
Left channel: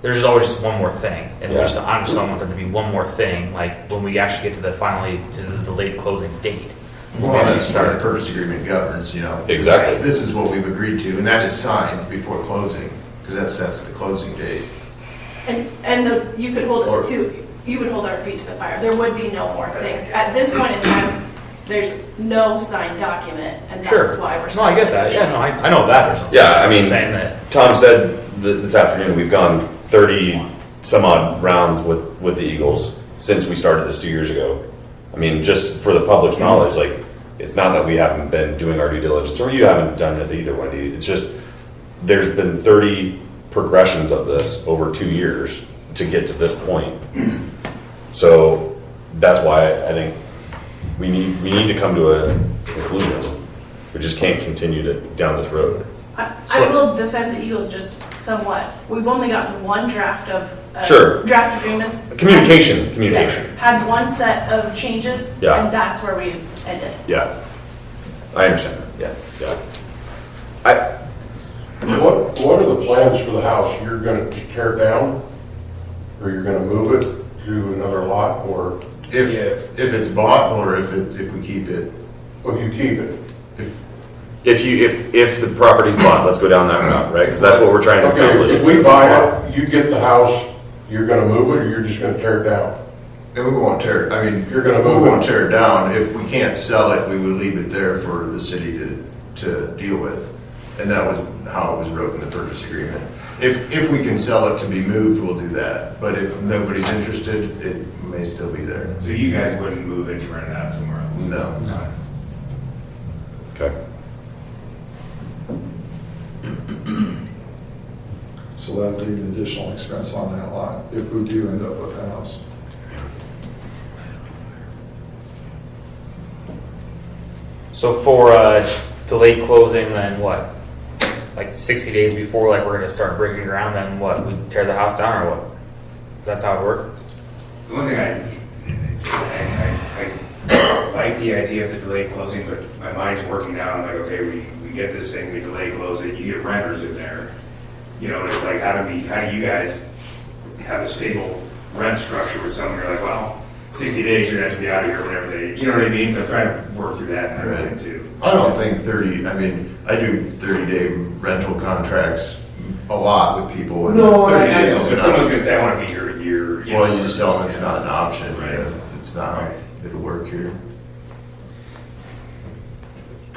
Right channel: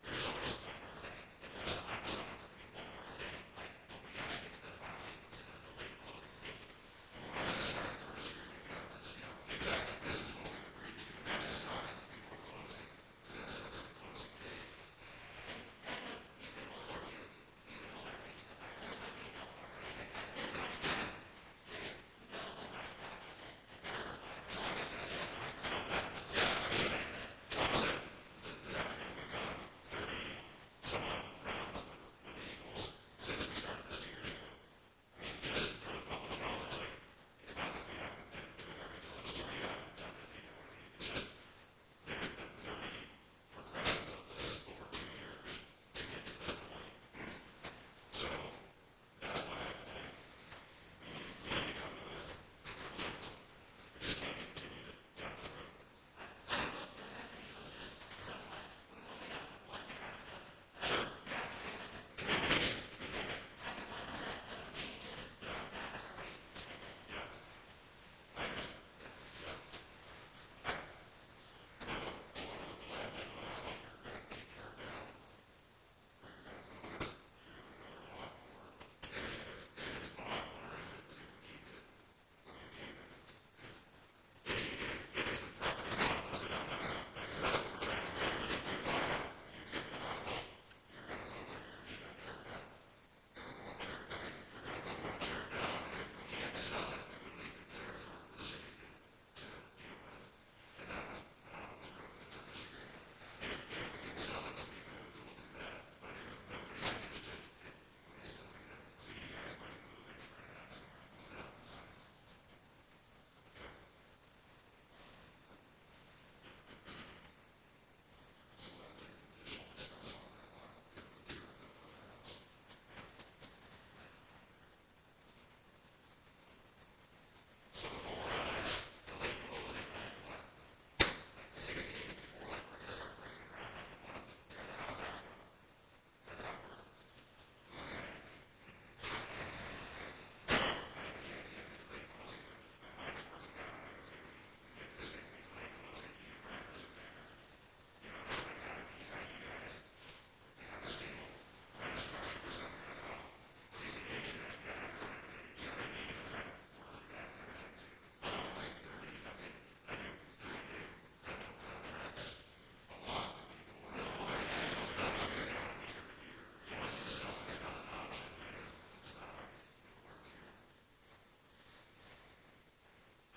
There's always just one more thing, and Yeah. I just don't want there to be one more thing. Like when we actually get to the delayed closing date. Well, that's how the purchase agreement governs, you know. Exactly. This is what we've agreed to, and that is signed before closing, because that sets the closing date. You could hold Or- us to, you would hold our feet to the fire. There would be no more things. At this point in time, there's no signed document, and that's why we're. No, I get that. Yeah, no, I know that. There's no Yeah, I I'm mean, just saying that. Tom said this afternoon we've gone 30 some odd rounds with the Eagles since we started this 2 years ago. I mean, just for the public's knowledge, like, it's not that we haven't been doing our due diligence, or you haven't done it either, Wendy. It's just there's been 30 progressions of this over 2 years to get to this point. So that's why I think we need to come to a conclusion. We just can't continue down this road. I will defend the Eagles just somewhat. We've only gotten one draft of Sure. draft agreements. Communication. Yeah, had one set of changes, Yeah. and that's where we ended. Yeah, I understand that. Yeah. What are the plans for the house? You're gonna tear it down? Or you're gonna move it to another lot, or, If it's bought, or if we keep it. well, you keep it? If the property's bought, let's go down that route, right? Because that's what we're trying to Okay, accomplish. if we buy it, you get the house, you're gonna move it, or you're just gonna tear it down? And we won't tear it, I mean, You're gonna we move it. won't tear it down. If we can't sell it, we would leave it there for the city to deal with. And that was how it was wrote in the purchase agreement. If we can sell it to be moved, we'll do that. But if nobody's interested, it may still be there. So you guys wouldn't move it to rent it out somewhere else? No. Okay. So that'd leave an additional expense on that lot if we do end up with a house. So for delayed closing, then what? Like 60 days before, like we're gonna start breaking ground. Then what? We tear the house down, or what? That's how it works. The one thing I like the idea of the delayed closing, but my mind's working now. I'm like, okay, we get this thing, we delay close it, you get renters in there. You know, and it's like, how do you guys have a stable rent structure with someone? You're like, well, 60 days, you're gonna have to be out of here whenever you know what I mean? So I'm trying to work through that in my mind too. I don't think 30, I mean, I do 30-day rental contracts a lot with people. and 30 I days know, is but not- someone's gonna say, I wanna be here a year. Well, you just tell them it's not an option. Right. Yeah, it's not, Right. it'll work here.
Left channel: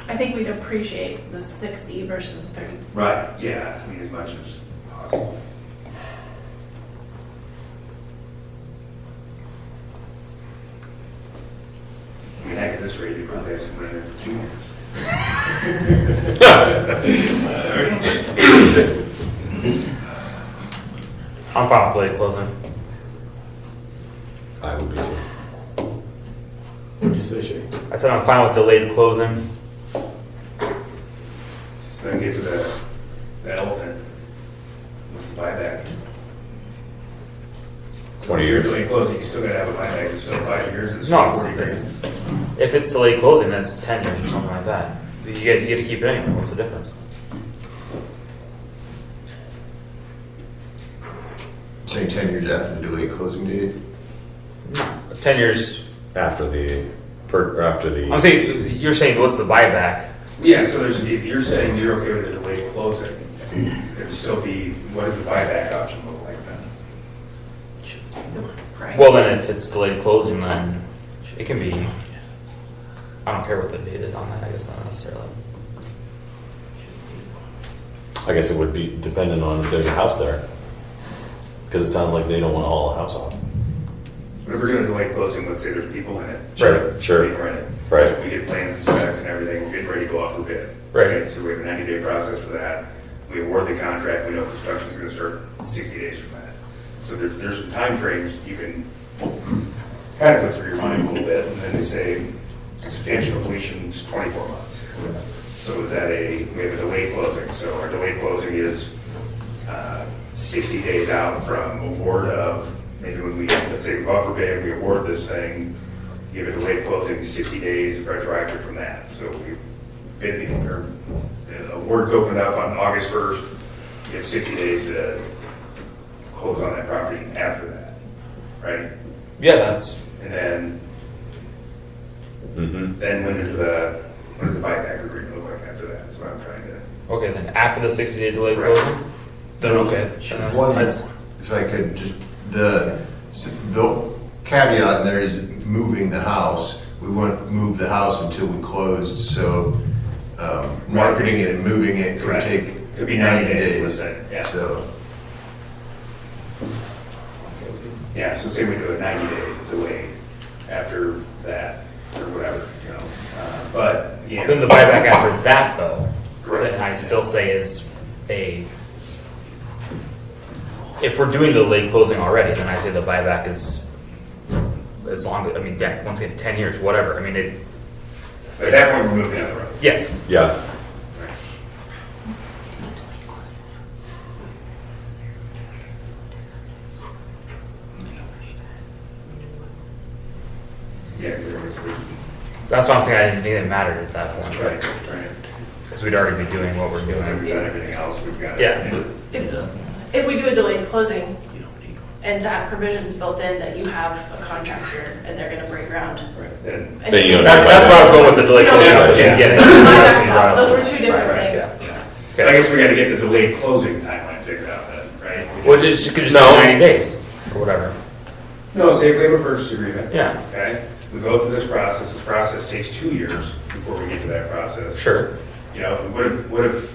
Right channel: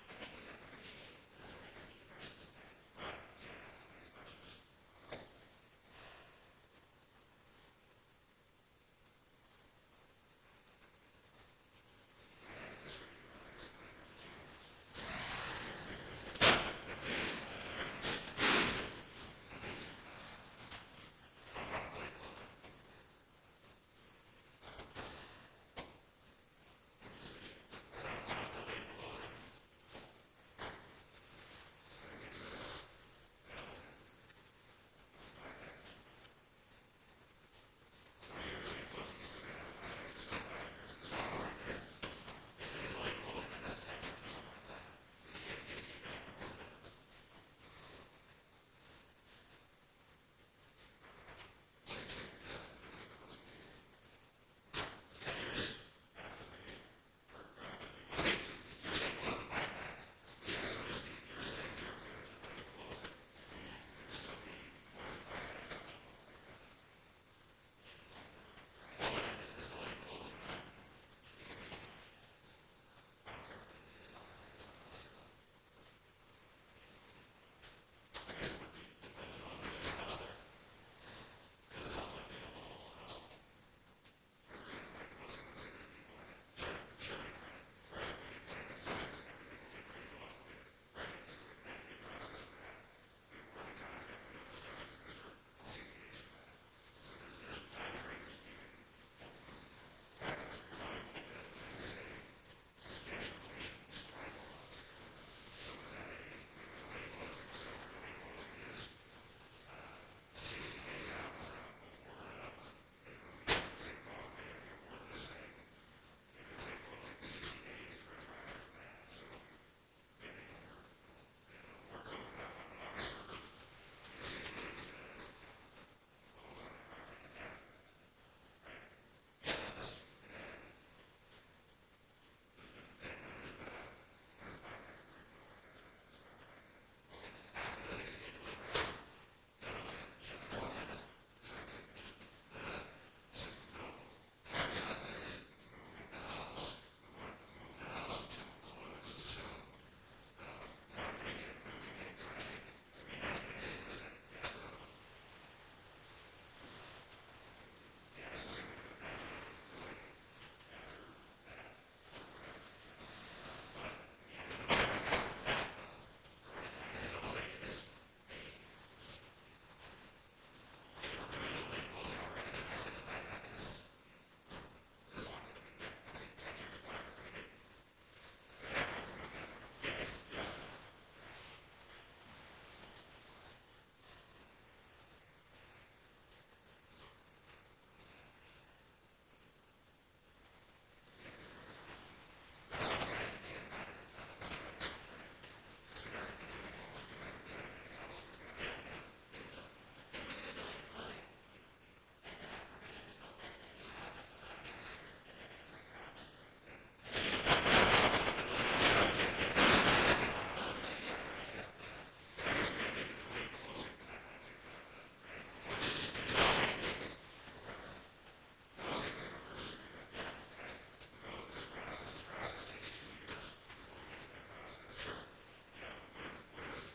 I think we'd appreciate the 60 versus 30. Right, yeah, I mean, as much as possible. I mean, heck, at this rate, you probably have somebody in there for 2 years. I'm fine with delayed closing. I would be too. What'd you say, Shay? I said I'm fine with delayed closing. So then get to the elephant. What's the buyback? 20 years. Delayed closing, you still gotta have a buyback, it's still 5 years, it's No, still 40 it's grand. if it's delayed closing, then it's 10 years or something like that. You get to keep it anyway. What's the difference? Say 10 years after the delayed closing date. 10 years. After the I'm saying you're saying what's the buyback? Yeah, so if you're saying you're okay with the delayed closing, there'd still be, what does the buyback option look like then? Right. Well, then if it's delayed closing, then it can be. I don't care what the date is on that. I guess not necessarily. I guess it would be dependent on if there's a house there. Because it sounds like they don't want to haul a house off. But if we're gonna delay closing, let's say there's people in it. Sure. Being rented. Right. We get plans and specs and everything, we're getting ready to go out for bid. Right. Okay, so we have a 90-day process for that. We award the contract, we know construction's gonna start 60 days from that. So there's some timeframes you can kind of go through your mind a little bit, and then they say substantial completion is 24 months. So is that we have a delayed closing, so our delayed closing is 60 days out from award of, maybe when we, let's say we go out for bid, we award this thing, give it a delayed closing, 60 days retroactive from that. So we bid the awards opened up on August 1st, you have 60 days to close on that property after that, right? Yeah, that's And then, then when does the buyback agreement look like after that? That's what I'm trying to. okay. Then after the 60-day delay Right. closing, then okay. Then that's- One, if I could, just the caveat in there is moving the house. We wouldn't move the house until we closed, so marketing it and moving it could Right. take Could be 90 days, let's say, yeah. So, Yeah, so say we do a 90-day delay after that, or whatever, you know. But, yeah. Then the buyback after that, though, Correct. then I still say is if we're doing the late closing already, then I say the buyback is as long as, I mean, yeah, once again, 10 years, whatever. I mean, But at that point, we're moving down the road. yes. Yeah. Yeah, because That's what I'm saying. I didn't think it mattered at that point. right. Because we'd already be doing what we're Because doing. we've done everything else, we've got. Yeah. If we do a delayed closing, and that provision's built in that you have a contractor and they're gonna break ground. Right, then. and Then you don't That's where I was going with the delay We don't closing. have I to- didn't get it. Buybacks out. Those were two different Right, things. yeah. But I guess we gotta get the delayed closing timeline figured out then, right? Well, you could just No. do 90 days or whatever. No, say if we have a purchase agreement. Yeah. Okay, we go through this process takes 2 years before we get to that process. Sure. You know, what if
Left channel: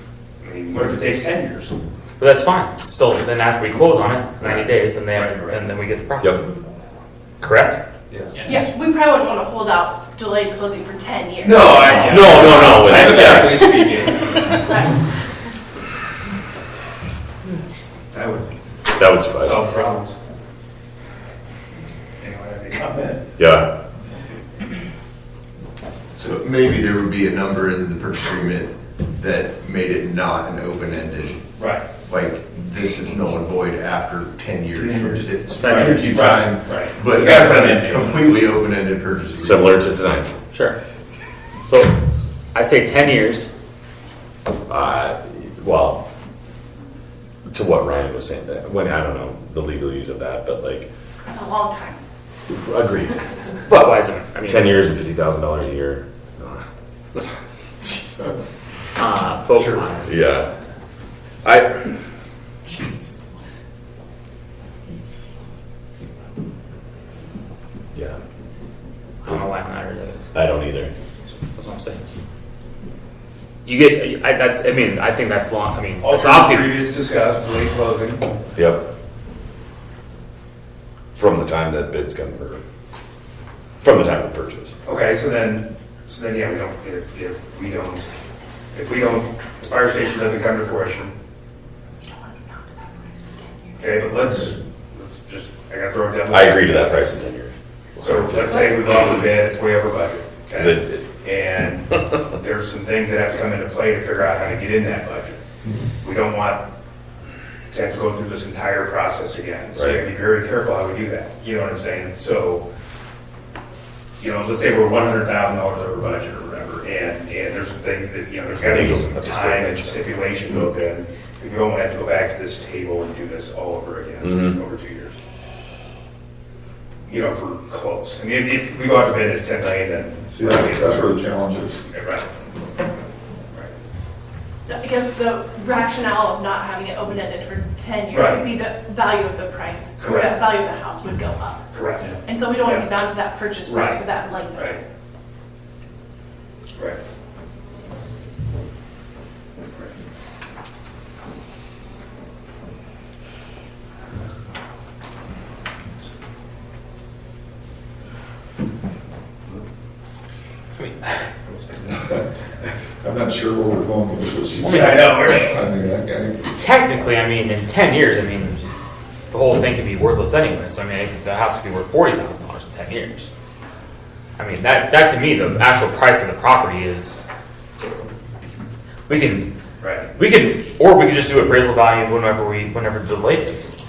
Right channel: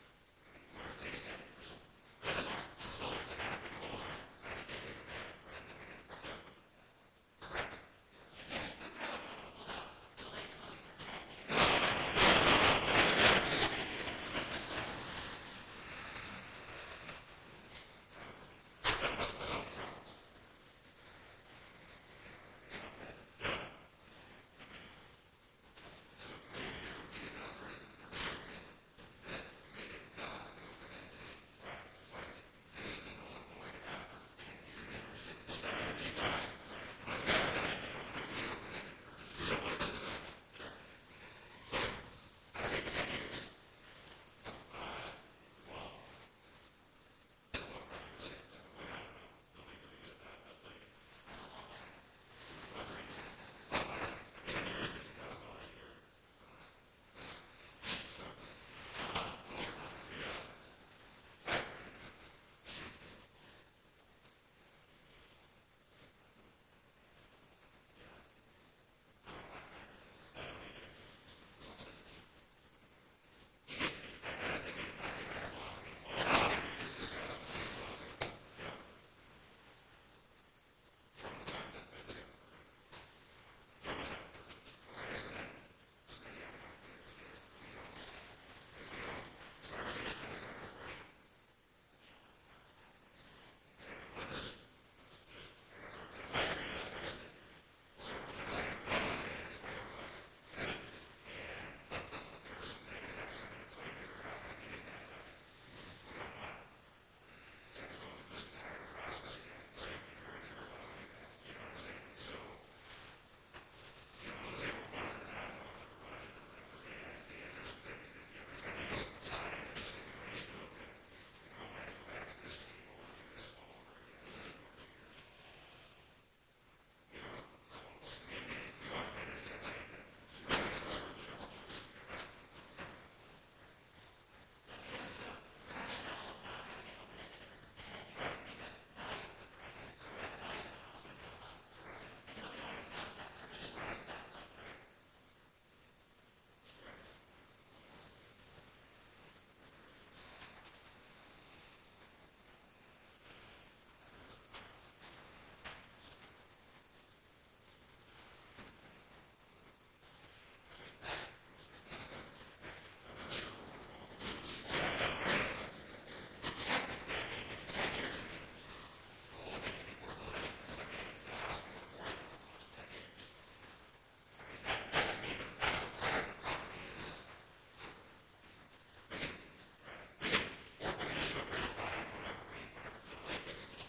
it takes 10 years? But that's fine. Still, then after we close on it, 90 days, then they have to, Right. and then we get the property. Yep. Correct? Yeah, we probably wouldn't want to hold out delayed closing for 10 years. No, I. No. Hypothetically speaking, Right. that would That would suffice. solve problems. Anyone have any comment? Yeah. so maybe there would be a number in the purchase agreement that made it not an open-ended, Right. like, this is null and void after 10 years. It's Right. gives you time, Right. but You gotta not put it a in. completely open-ended purchase agreement. Similar to tonight. Sure. So I say 10 years. Well, to what Ryan was saying, that when I don't know the legalese of that, but like, That's a long time. agreed. But why isn't it? I mean, 10 years and $50,000 a year. But Yeah. Yeah. I don't know why it matters. I don't either. That's what I'm saying. You get, I mean, I think that's long. I mean, All it's from obviously, previous discussed, delayed closing. Yep. From the time that bids come, or from the time of purchase. Okay, so then, yeah, we don't, if the fire station doesn't come to fruition. Okay, but let's just, I gotta throw it down. I agree to that price in 10 years. So let's say we go out with bid, it's way over budget. Is Okay? it- And there's some things that have to come into play to figure out how to get in that budget. We don't want to have to go through this entire process again. So you gotta be very careful how we do that. You know what I'm saying? So, you know, let's say we're $100,000 over budget or whatever, and there's some things that, you know, there's gotta be some time and stipulation built in. We don't want to have to go back to this table and do this all over again over 2 years. You know, for close. I mean, if we go out to bid at 10 million, then. See, that's where the challenge is. Right. Because the rationale of not having it open-ended for 10 years Right. would be the value of the price, or the Correct. value of the house would go up. Correct. And so we don't want to Yeah. be bound to that purchase price Right. for that length. Right. Right. I'm not sure where we're going with this. I mean, I know, right? I mean, Technically, I mean, in 10 years, I mean, the whole thing could be worthless anyway. So, I mean, the house could be worth $40,000 in 10 years. I mean, that to me, the actual price of the property is, we can just do appraisal value whenever delayed it.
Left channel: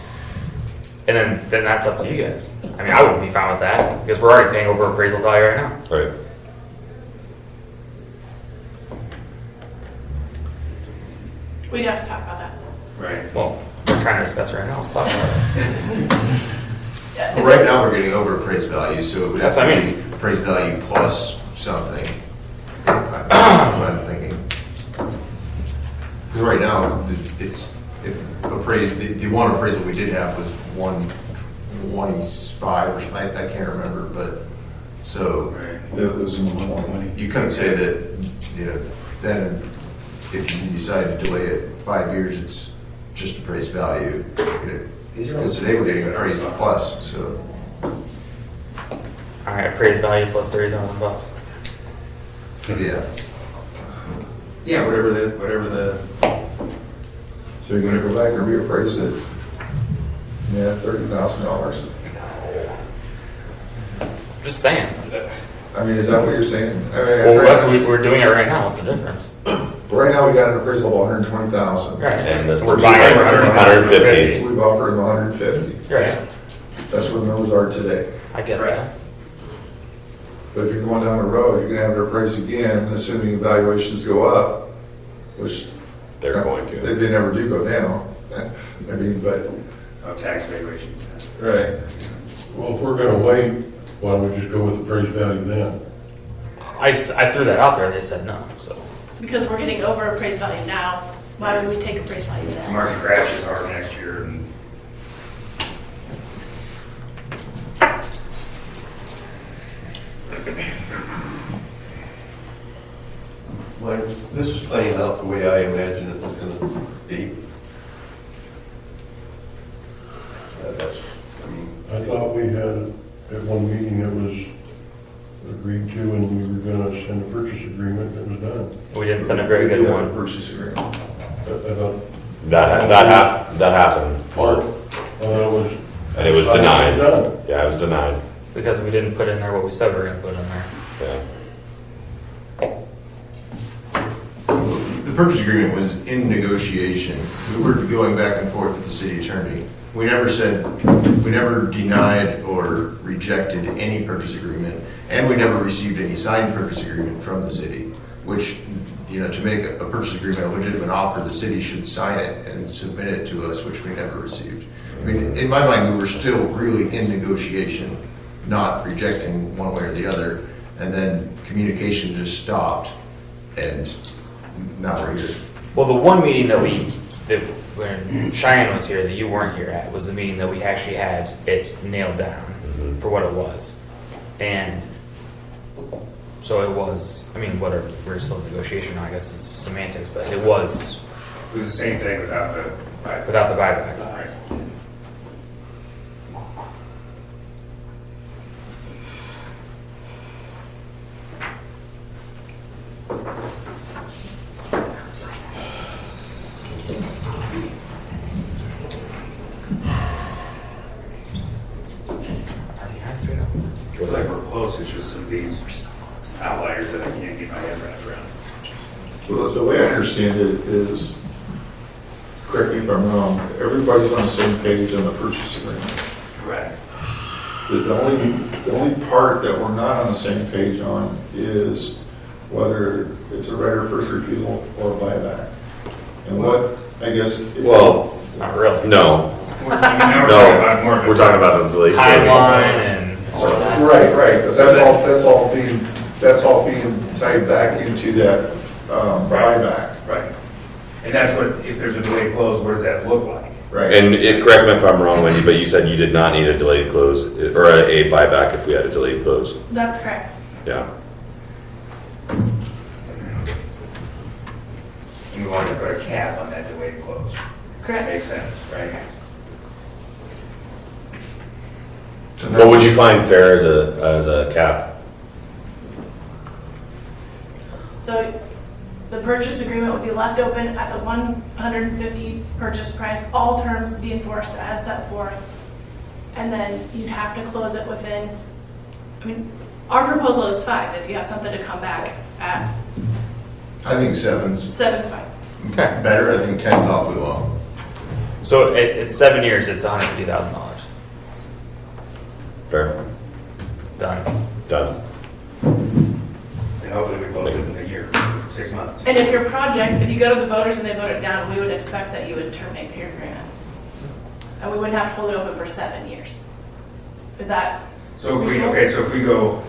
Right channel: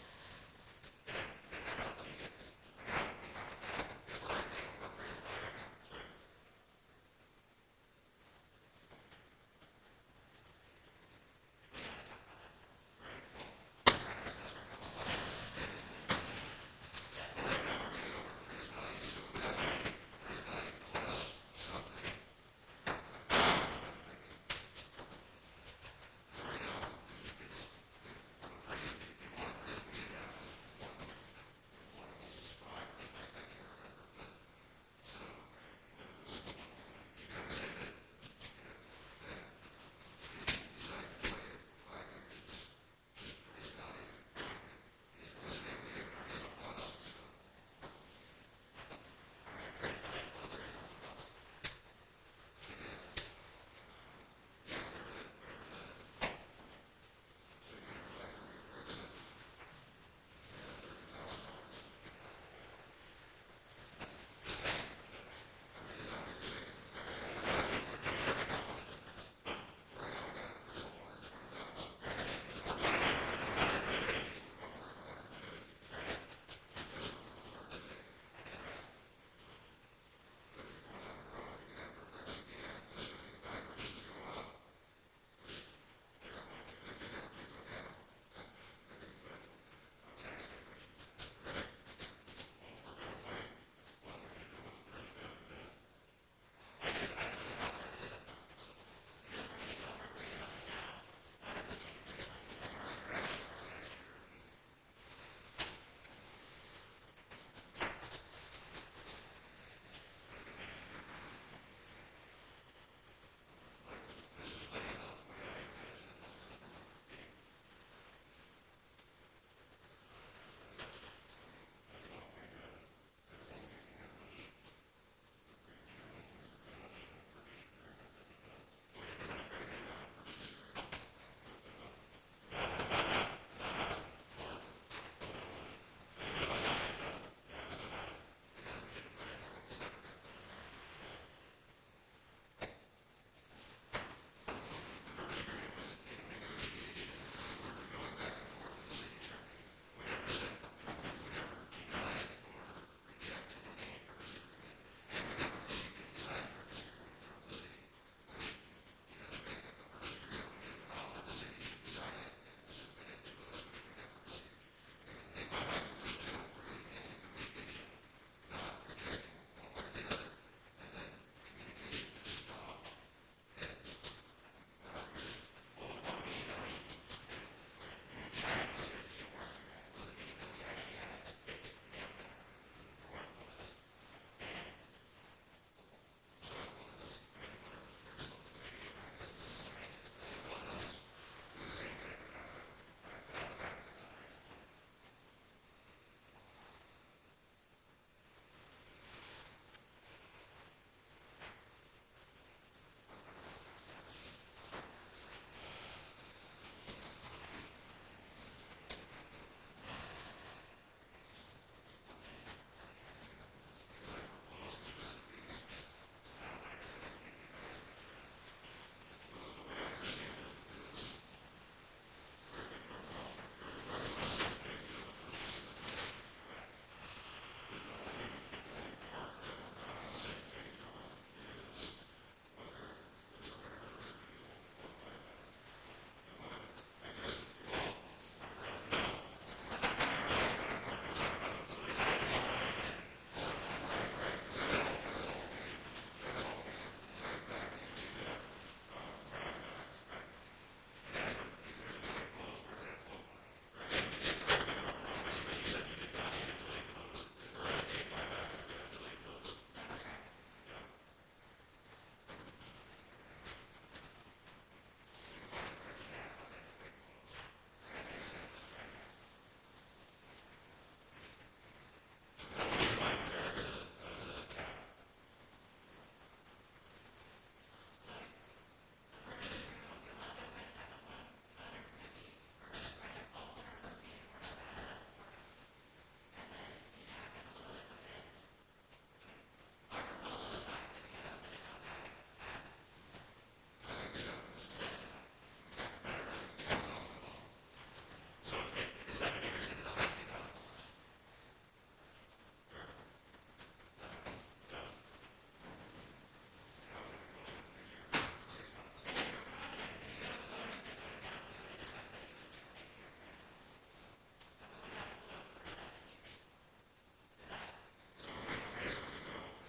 And then that's up to you guys. I mean, I wouldn't be fine with that because we're already paying over appraisal value right now. Right. We'd have to talk about that. Right. Well, we're trying to discuss it right now. Let's talk about it. Well, right now, we're getting over appraised value, so it would have That's what I to be mean. appraised value plus something. That's what I'm thinking. Because right now, it's, if appraised, the one appraisal we did have was 125 or something, I can't remember, but, so. Right. it was in 20. You couldn't say that, you know, then if you decide to delay it 5 years, it's just appraised value. Because today we're getting appraised plus, so. All right, appraised value plus $30,000. Yeah. Yeah, whatever the, So you're gonna go back and reappraise it? Yeah, $30,000. Just saying. I mean, is that what you're saying? I mean, Well, that's what we're doing it right now. What's the difference? right now we got an appraisal of 120,000. Right. And the- we're buying it for 150. We've offered them 150. Right. That's what those are today. I get that. But if you're going down the road, you're gonna have it appraised again, assuming valuations go up, which They're going to. they never do go down. I mean, but, tax valuation. right. Well, if we're gonna wait, why don't we just go with appraised value then? I threw that out there. They said no. So Because we're getting over appraised value now, why would we take appraised value The then? market crashes hard next year, and Mike, this is playing out the way I imagined it was gonna be. That's, I mean, I thought we had, at one meeting, it was agreed to and we were gonna send a purchase agreement, and it was done. we didn't send a very We good do have one. a purchase agreement. I thought, That happened. Mark, I thought it was. And it was denied. Done. Yeah, it was denied. Because we didn't put in there what we said we were going to put in there. Yeah. The purchase agreement was in negotiation. We were going back and forth with the city attorney. We never denied or rejected any purchase agreement, and we never received any signed purchase agreement from the city, which, you know, to make a purchase agreement a legitimate offer, the city should sign it and submit it to us, which we never received. I mean, in my mind, we were still really in negotiation, not rejecting one way or the other, and then communication just stopped, and now we're here. Well, the one meeting that when Cheyenne was here that you weren't here at was the meeting that we actually had it nailed down for what it was. And so it was, I mean, whatever, we're still in negotiation now, I guess it's semantics, but it was it was the same thing without the without the buyback. Right. It's like we're close, it's just some of these outliers that I can't get my head wrapped around. Well, the way I understand it is, correct me if I'm wrong, everybody's on the same page on the purchase agreement. Right. The only part that we're not on the same page on is whether it's a right of first refusal or a buyback. And what, I guess. Well, Not really. no. No, We're talking about the delay. Timeline and Right, but that's all being tied back into that buyback. Right. And that's what, if there's a delayed close, what does that look like? Right. And correct me if I'm wrong, Wendy, but you said you did not need a delayed close or a buyback if we had a delayed close. That's correct. Yeah. And we want to put a cap on that delayed close. Correct. Makes sense, right? What would you find fair as a cap? So the purchase agreement would be left open at the 150 purchase price, all terms to be enforced as set forth. And then you'd have to close it within, I mean, our proposal is 5 if you have something to come back at. I think 7's 7's fine. Okay. better, I think 10's awfully low. So it's 7 years. It's $150,000. Fair. Done. Done. And hopefully we close it in a year, 6 months. And if your project, if you go to the voters and they vote it down, we would expect that you would terminate the agreement. And we wouldn't have to hold it open for 7 years. Is that? So if we go.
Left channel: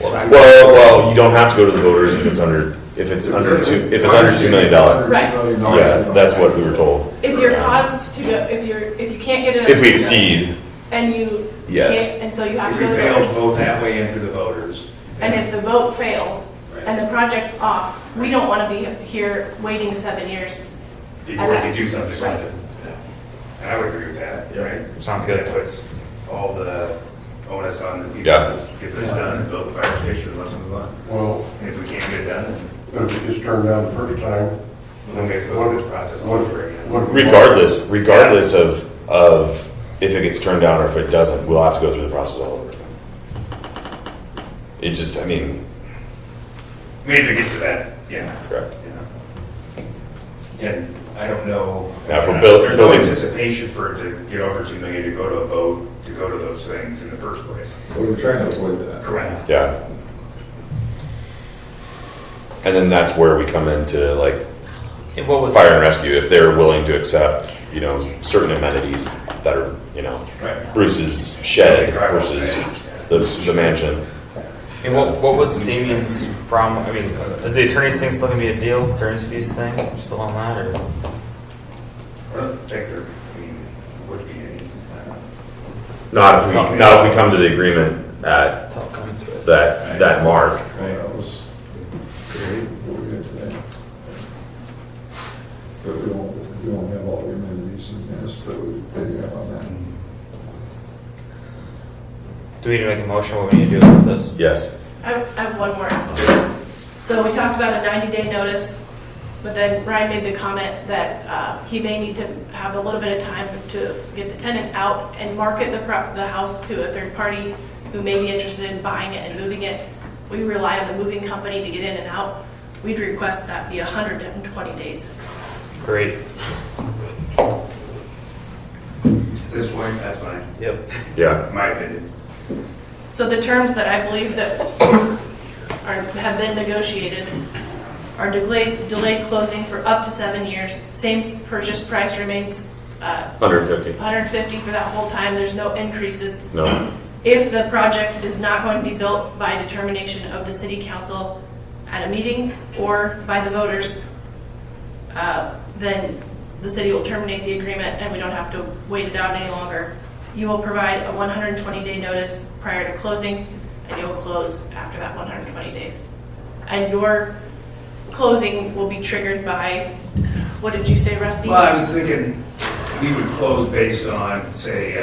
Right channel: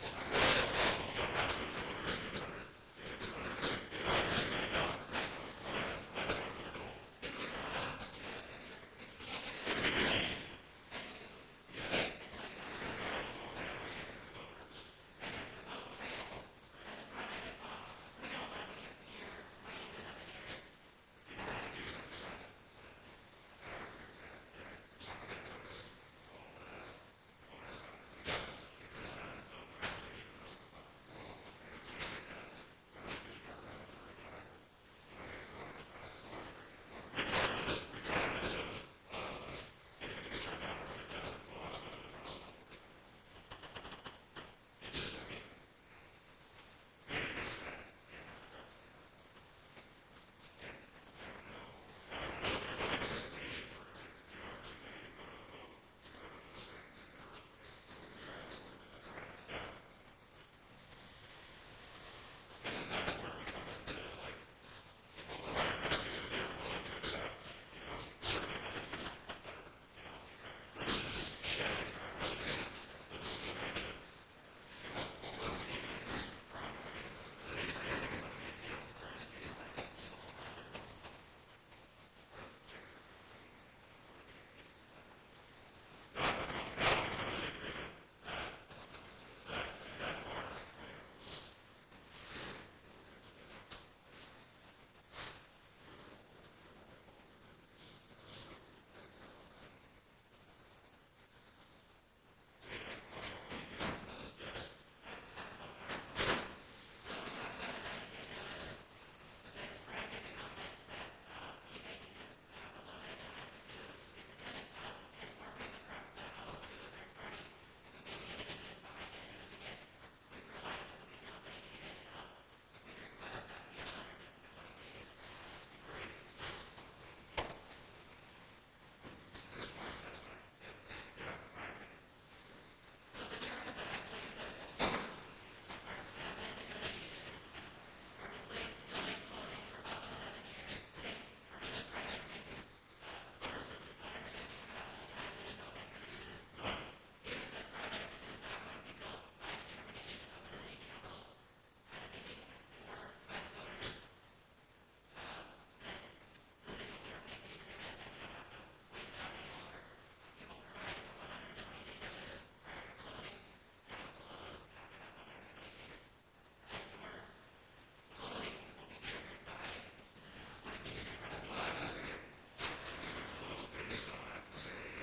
Well, you don't have to go to the voters if it's under $2 million. Right. Yeah, that's what we were told. If you're caused to go, if you can't get it. If we exceed, And you. Yes. can't- And so you have If to we go to the fail voters. both that way and through the voters. And if the vote fails and the project's off, we don't want to be here waiting 7 years. Before you do something Right. like that. And I would agree with that, right? Sounds good. That puts all the onus on the people Yeah. to get this done and build the fire station and let's move on. Well, And if we can't get it done, but if it gets turned down the first time, then we have to go through this process all over again. regardless of if it gets turned down or if it doesn't, we'll have to go through the process all over again. It just, I mean, I mean, if it gets to that, yeah. correct. And I don't know. Now, for There's no building- anticipation for it to get over 2 million to go to a vote, to go to those things in the first place. But we're trying to avoid that. Correct. Yeah. And then that's where we come into like And what was fire and rescue, if they're willing to accept, certain amenities that are, Right. Bruce's shed versus the mansion. And what was Damien's problem? I mean, is the attorney's thing still gonna be a deal? Attorney's fees thing? Still on that, or? I don't think there, would be any. Not if we come to the agreement at Until it comes to it. that mark. That was great, what we did today. But we won't have all the amenities and this that we have on that. Do we need to make a motion? What we need to do with this? Yes. I have one more. So we talked about a 90-day notice, but then Ryan made the comment that he may need to have a little bit of time to get the tenant out and market the house to a third party who may be interested in buying it and moving it. We rely on the moving company to get in and out. We'd request that be 120 days. Great. At this point, that's fine, Yep. Yeah. in my opinion. So the terms that I believe that have been negotiated are delayed closing for up to 7 years. Same purchase price remains 150. 150 for that whole time. There's no increases. No. If the project is not going to be built by determination of the city council at a meeting or by the voters, then the city will terminate the agreement and we don't have to wait it out any longer. You will provide a 120-day notice prior to closing, and you'll close after that 120 days. And your closing will be triggered by, what did you say, Rusty? Well, I was thinking we would close based on, say,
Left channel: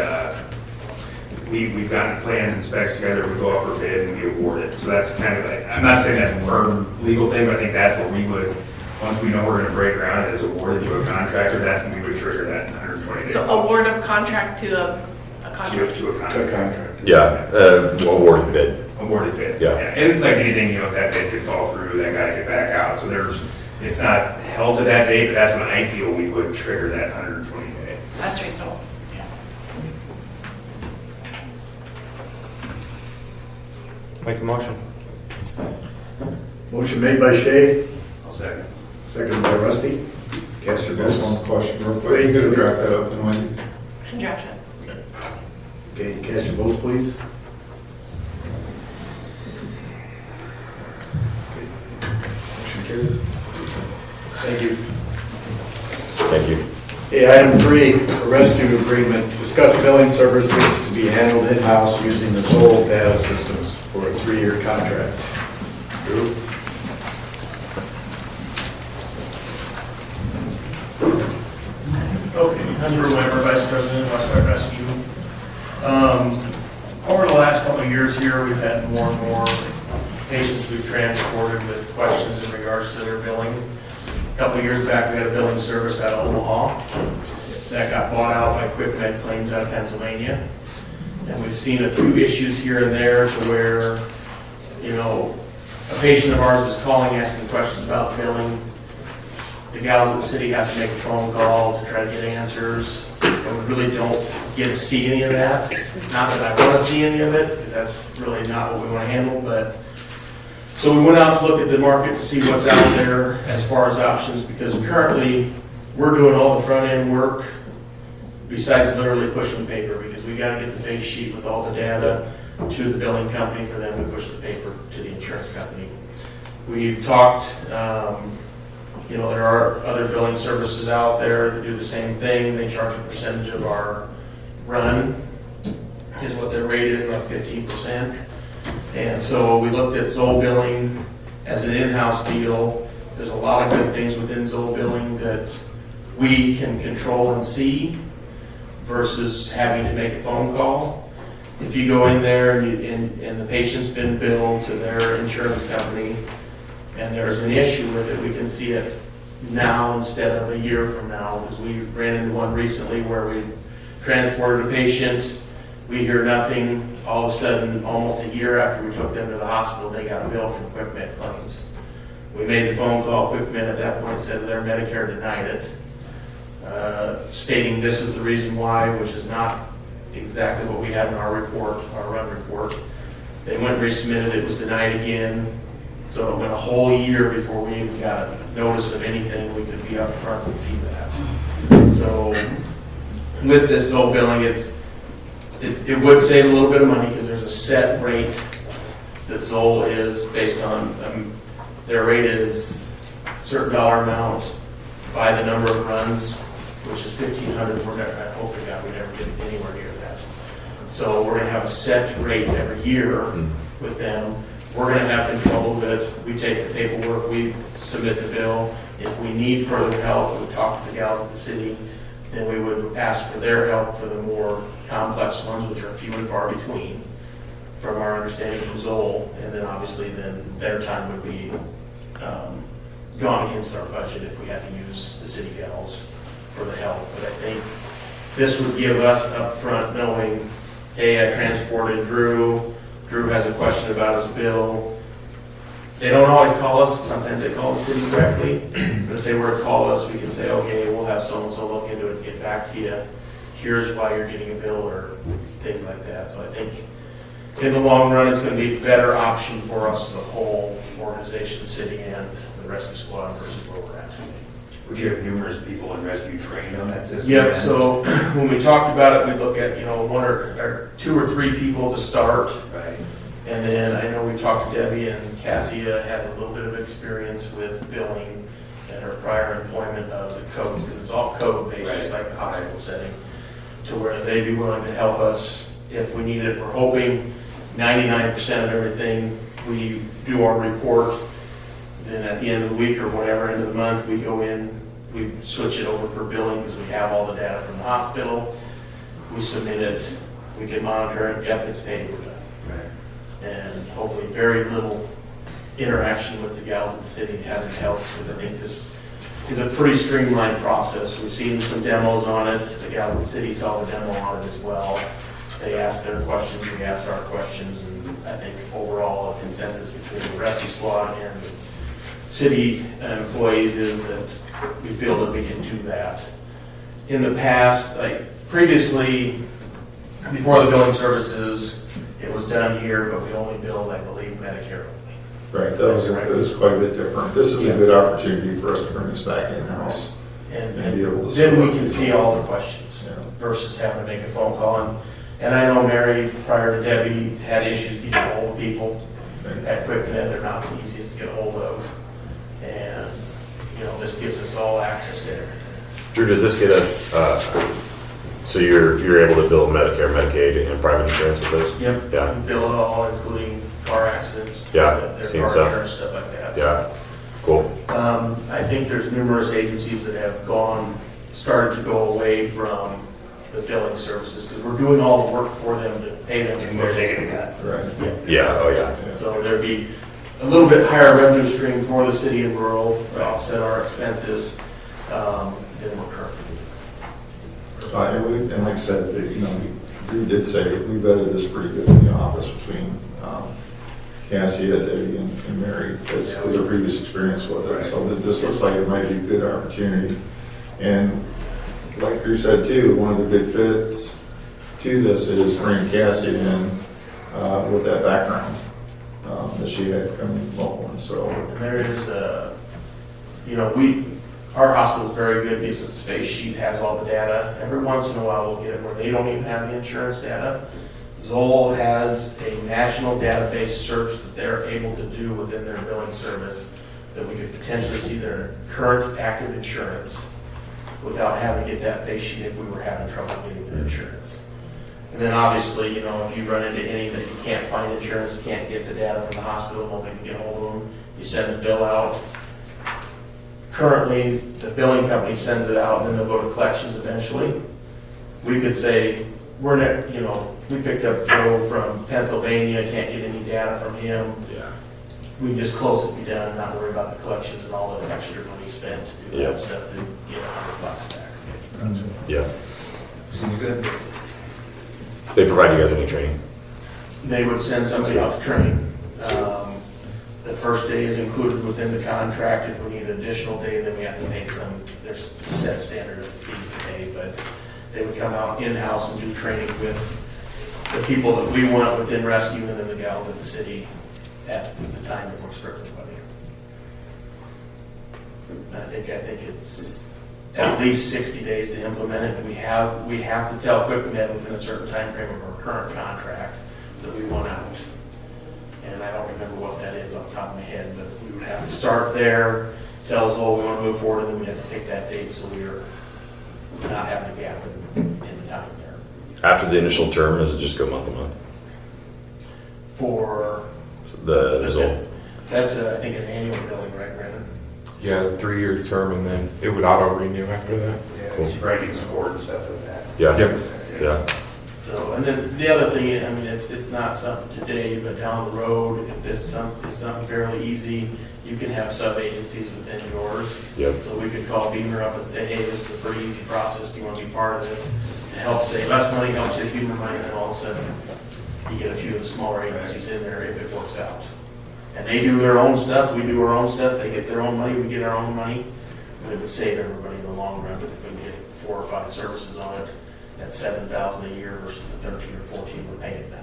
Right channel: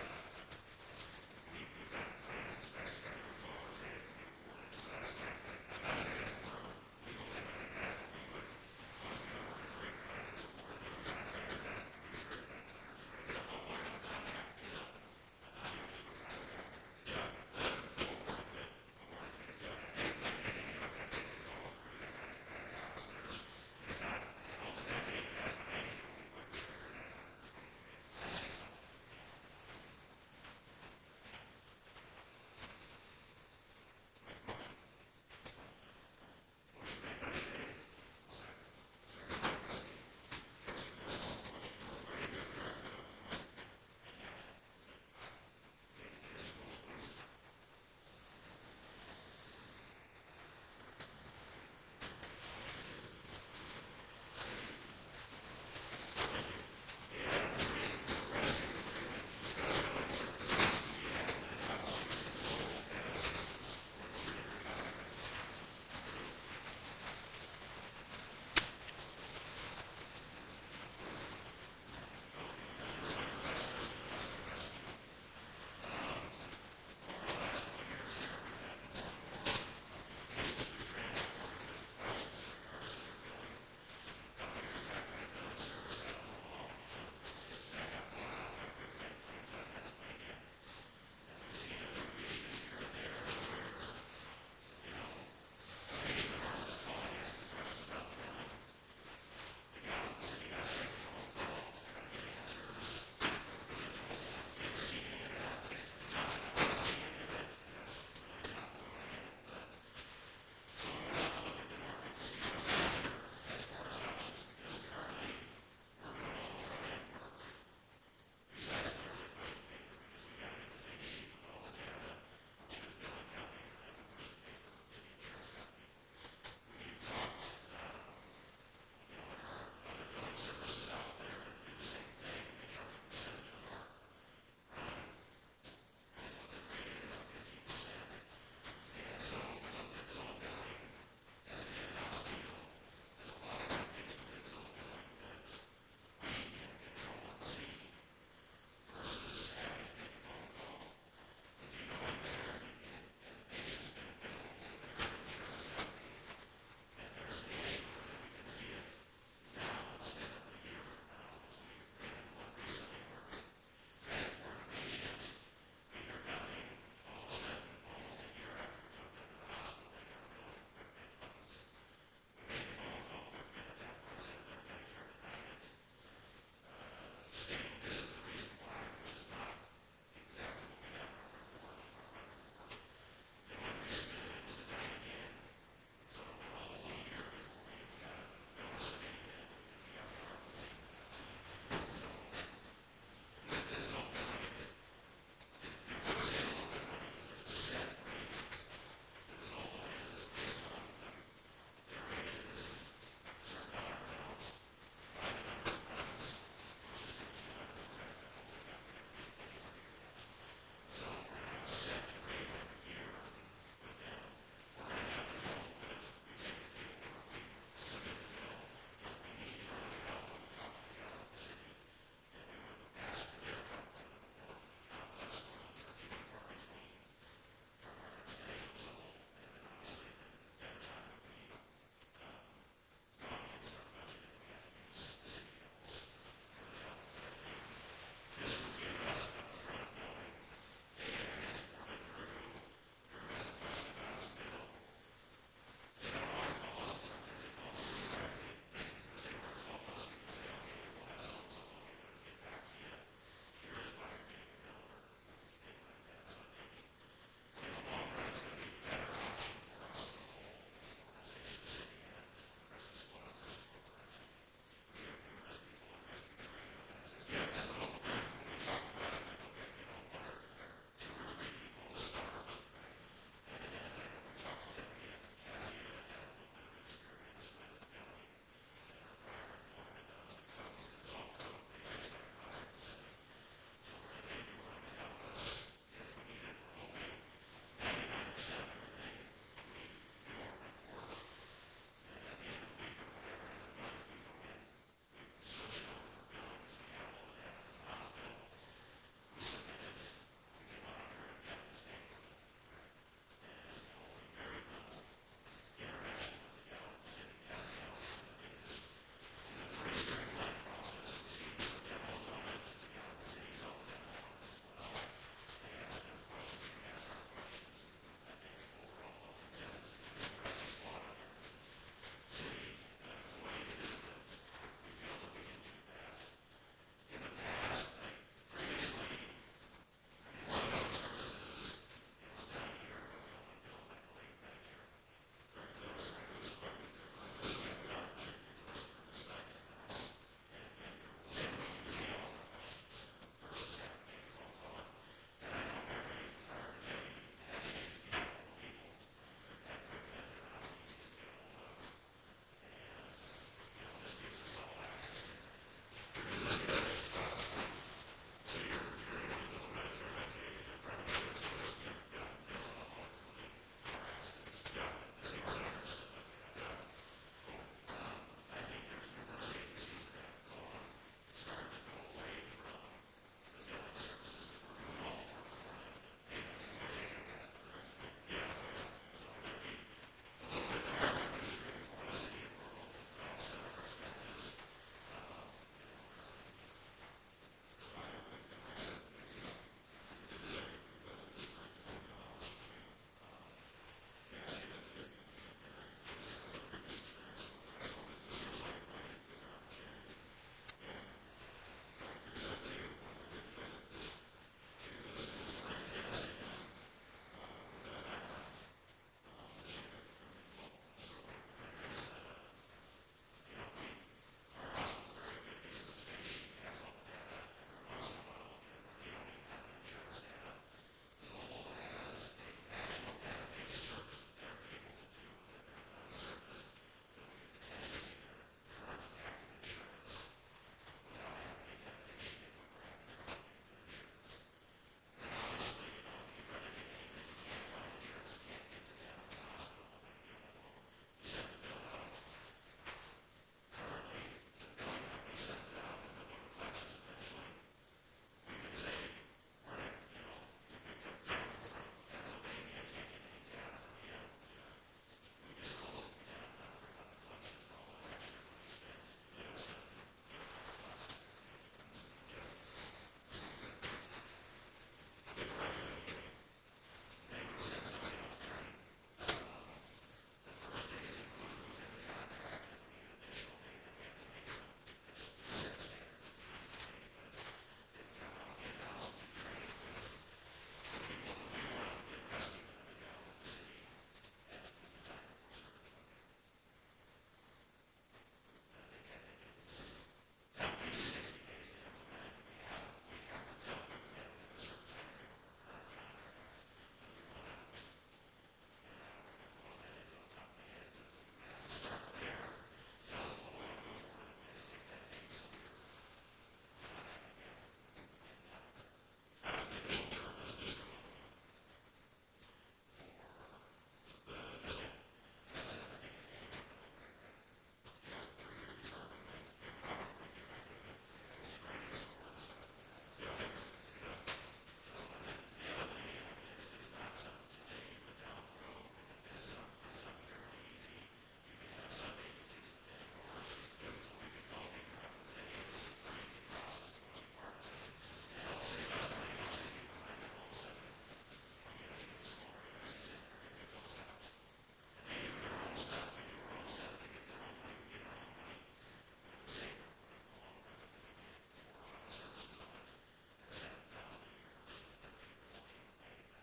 we've gotten plans and specs together, we go out for bid and we award it. So that's kind of like, I'm not saying that's a firm legal thing, but I think that's what we would, once we know we're gonna break ground and it's awarded to a contractor, that's when we would trigger that 120 days. So award of contract to a contract. To a contractor. Yeah. Awarded bid. Awarded bid. Yeah. And like anything, if that bid could fall through, that gotta get back out. So it's not held to that date, but that's when I feel we would trigger that 120 day. That's reasonable. Make a motion. Motion made by Shay, I'll second. seconded by Rusty. Cast your Just votes. one question real quick. You could have draft that up and Wendy. And draft it. Okay, cast your votes, please. Motion carried. Thank you. Thank you. Okay, item 3, a rescue agreement. Discuss billing services to be handled in-house using the Zoll data systems for a 3-year contract. Drew? Okay, I'm Drew Weimer, Vice President, Westfire Rescue. year, we've had more and more patients we've transported with questions in regards to their billing. A couple of years back, we had a billing service out of Omaha that got bought out by QuickMed Claims out of Pennsylvania. And we've seen a few issues here and there to where, a patient of ours is calling, asking questions about billing. The gals at the city have to make a phone call to try to get answers. And we really don't get to see any of that. Not that I want to see any of it, because that's really not what we want to handle, but so we went out to look at the market to see what's out there as far as options, because currently we're doing all the front end work besides literally pushing paper, because we got to get the face sheet with all the data to the billing company for them to push the paper to the insurance company. We've talked, there are other billing services out there that do the same thing. They charge a percentage of our run, is what their rate is, like 15%. And so we looked at Zoll Billing as an in-house deal. There's a lot of good things within Zoll Billing that we can control and see versus having to make a phone call. If you go in there and the patient's been billed to their insurance company and there's an issue with it, we can see it now instead of a year from now, because we ran into one recently where we transported a patient, we hear nothing, all of a sudden, almost a year after we took them to the hospital, they got a bill from QuickMed Claims. We made the phone call, QuickMed at that point said their Medicare denied it, stating this is the reason why, which is not exactly what we had in our report, our run report. They went and resubmitted, it was denied again, so it went a whole year before we even got a notice of anything. We could be up front and see that. So with this Zoll Billing, it would save a little bit of money because there's a set rate that Zoll is based on. Their rate is a certain dollar amount by the number of runs, which is 1,500. I hope to God we never get anywhere near that. So we're going to have a set rate every year with them. We're going to have control of it. We take the paperwork, we submit the bill. If we need further help, we talk to the gals at the city, then we would ask for their help for the more complex ones, which are few and far between, from our understanding from Zoll. And then obviously then their time would be gone against our budget if we had to use the city gals for the help. But I think this would give us up front knowing, hey, I transported Drew. Drew has a question about his bill. They don't always call us. Sometimes they call the city directly. But if they were to call us, we can say, okay, we'll have so-and-so look into it and get back to you. Here's why you're getting a bill or things like that. So I think in the long run, it's going to be a better option for us as a whole organization, city, and the rescue squad versus where we're at today. Would you have numerous people in rescue trained on that system? Yep, so when we talked about it, we look at, one or two or three people to start. Right. And then I know we talked to Debbie, and Cassia has a little bit of experience with billing and her prior employment of the codes, because it's all code-based, just like the hospital setting, to where they'd be willing to help us if we need it. We're hoping 99% of everything, we do our report, then at the end of the week or whatever, end of the month, we go in, we switch it over for billing because we have all the data from the hospital. We submit it, we can monitor it, yep, it's paid, we're done. Right. And hopefully very little interaction with the gals in the city having help, because I think this is a pretty streamlined process. We've seen some demos on it. The gals in the city saw the demo on it as well. They asked their questions, we asked our questions, and I think overall a consensus between the rescue squad and the city employees is that we feel that we can do that. In the past, like previously, before the billing services, it was done here, but we only billed, I believe, Medicare only. Right, that was quite a bit different. This is a good opportunity for us to bring this back in-house. And be able to then we can see all the questions versus having to make a phone call. And I know Mary, prior to Debbie, had issues getting a hold of people at QuickNet. They're not the easiest to get a hold of. And, this gives us all access to everything. Drew, does this get us, so you're able to bill Medicare, Medicaid, and private insurance with this? Yep. Yeah. We bill it all, including car accidents. Yeah, their seen car some. insurance, stuff like that. Yeah, cool. I think there's numerous agencies that have started to go away from the billing services, because we're doing all the work for them to pay them. And they're taking a cut. Right. Yeah, oh yeah. So there'd be a little bit higher revenue stream for the city and rural to offset our expenses than we're currently. And like I said, we did say, we vetted this pretty good in the office between Cassia, Debbie, and Mary, because their previous experience with it. So this looks like it might be a good opportunity. And like Drew said too, one of the good fits to this is bringing Cassie in with that background that she had coming locally. So And there is, our hospital is very good, gives us a face sheet, has all the data. Every once in a while we'll get it where they don't even have the insurance data. Zoll has a national database search that they're able to do within their billing service that we could potentially see their current active insurance without having to get that face sheet if we were having trouble getting the insurance. And then obviously, if you run into any that you can't find insurance, you can't get the data from the hospital, nobody can get a hold of them, you send the bill out. Currently, the billing company sends it out, and then they'll go to collections eventually. We could say, we picked up Joe from Pennsylvania, can't get any data from him. Yeah. We can just close it, be done, and not worry about the collections and all the extra money spent to do Yeah. that stuff to get $100 back. Yeah. Seems good. They provide you guys any training? They would send somebody out to train. The first day is included within the contract. If we need an additional day, then we have to pay there's a set standard of fees to pay, but they would come out in-house and do training with the people that we want within rescue and then the gals at the city at the time that we're strictly buddy. I think it's at least 60 days to implement it, and we have to tell QuickNet within a certain time frame of our current contract that we want out. And I don't remember what that is off the top of my head, but we would have to start there, tell us, we want to move forward, and then we have to pick that date so we're not having a gap in the time there. After the initial term, does it just go month to month? For The Zoll? that's, I think, an annual billing, right, Brandon? Yeah, 3-year term, and then it would auto renew after that. Yeah, you probably need support and stuff with that. Yeah. Yep. Yeah. So, and then the other thing, it's not something today, but down the road, if this is something fairly easy, you can have sub-agencies within yours. Yep. So we could call Beamer up and say, hey, this is a pretty easy process, do you want to be part of this? To help save us money, help save Beamer money, and then all of a sudden, you get a few of the smaller agencies in there if it works out. And they do their own stuff, we do our own stuff, they get their own money, we get our own money, but it would save everybody in the long run. But if we can get 4 or 5 services on it, that's $7,000 a year versus the 13 or 14 we're paying now.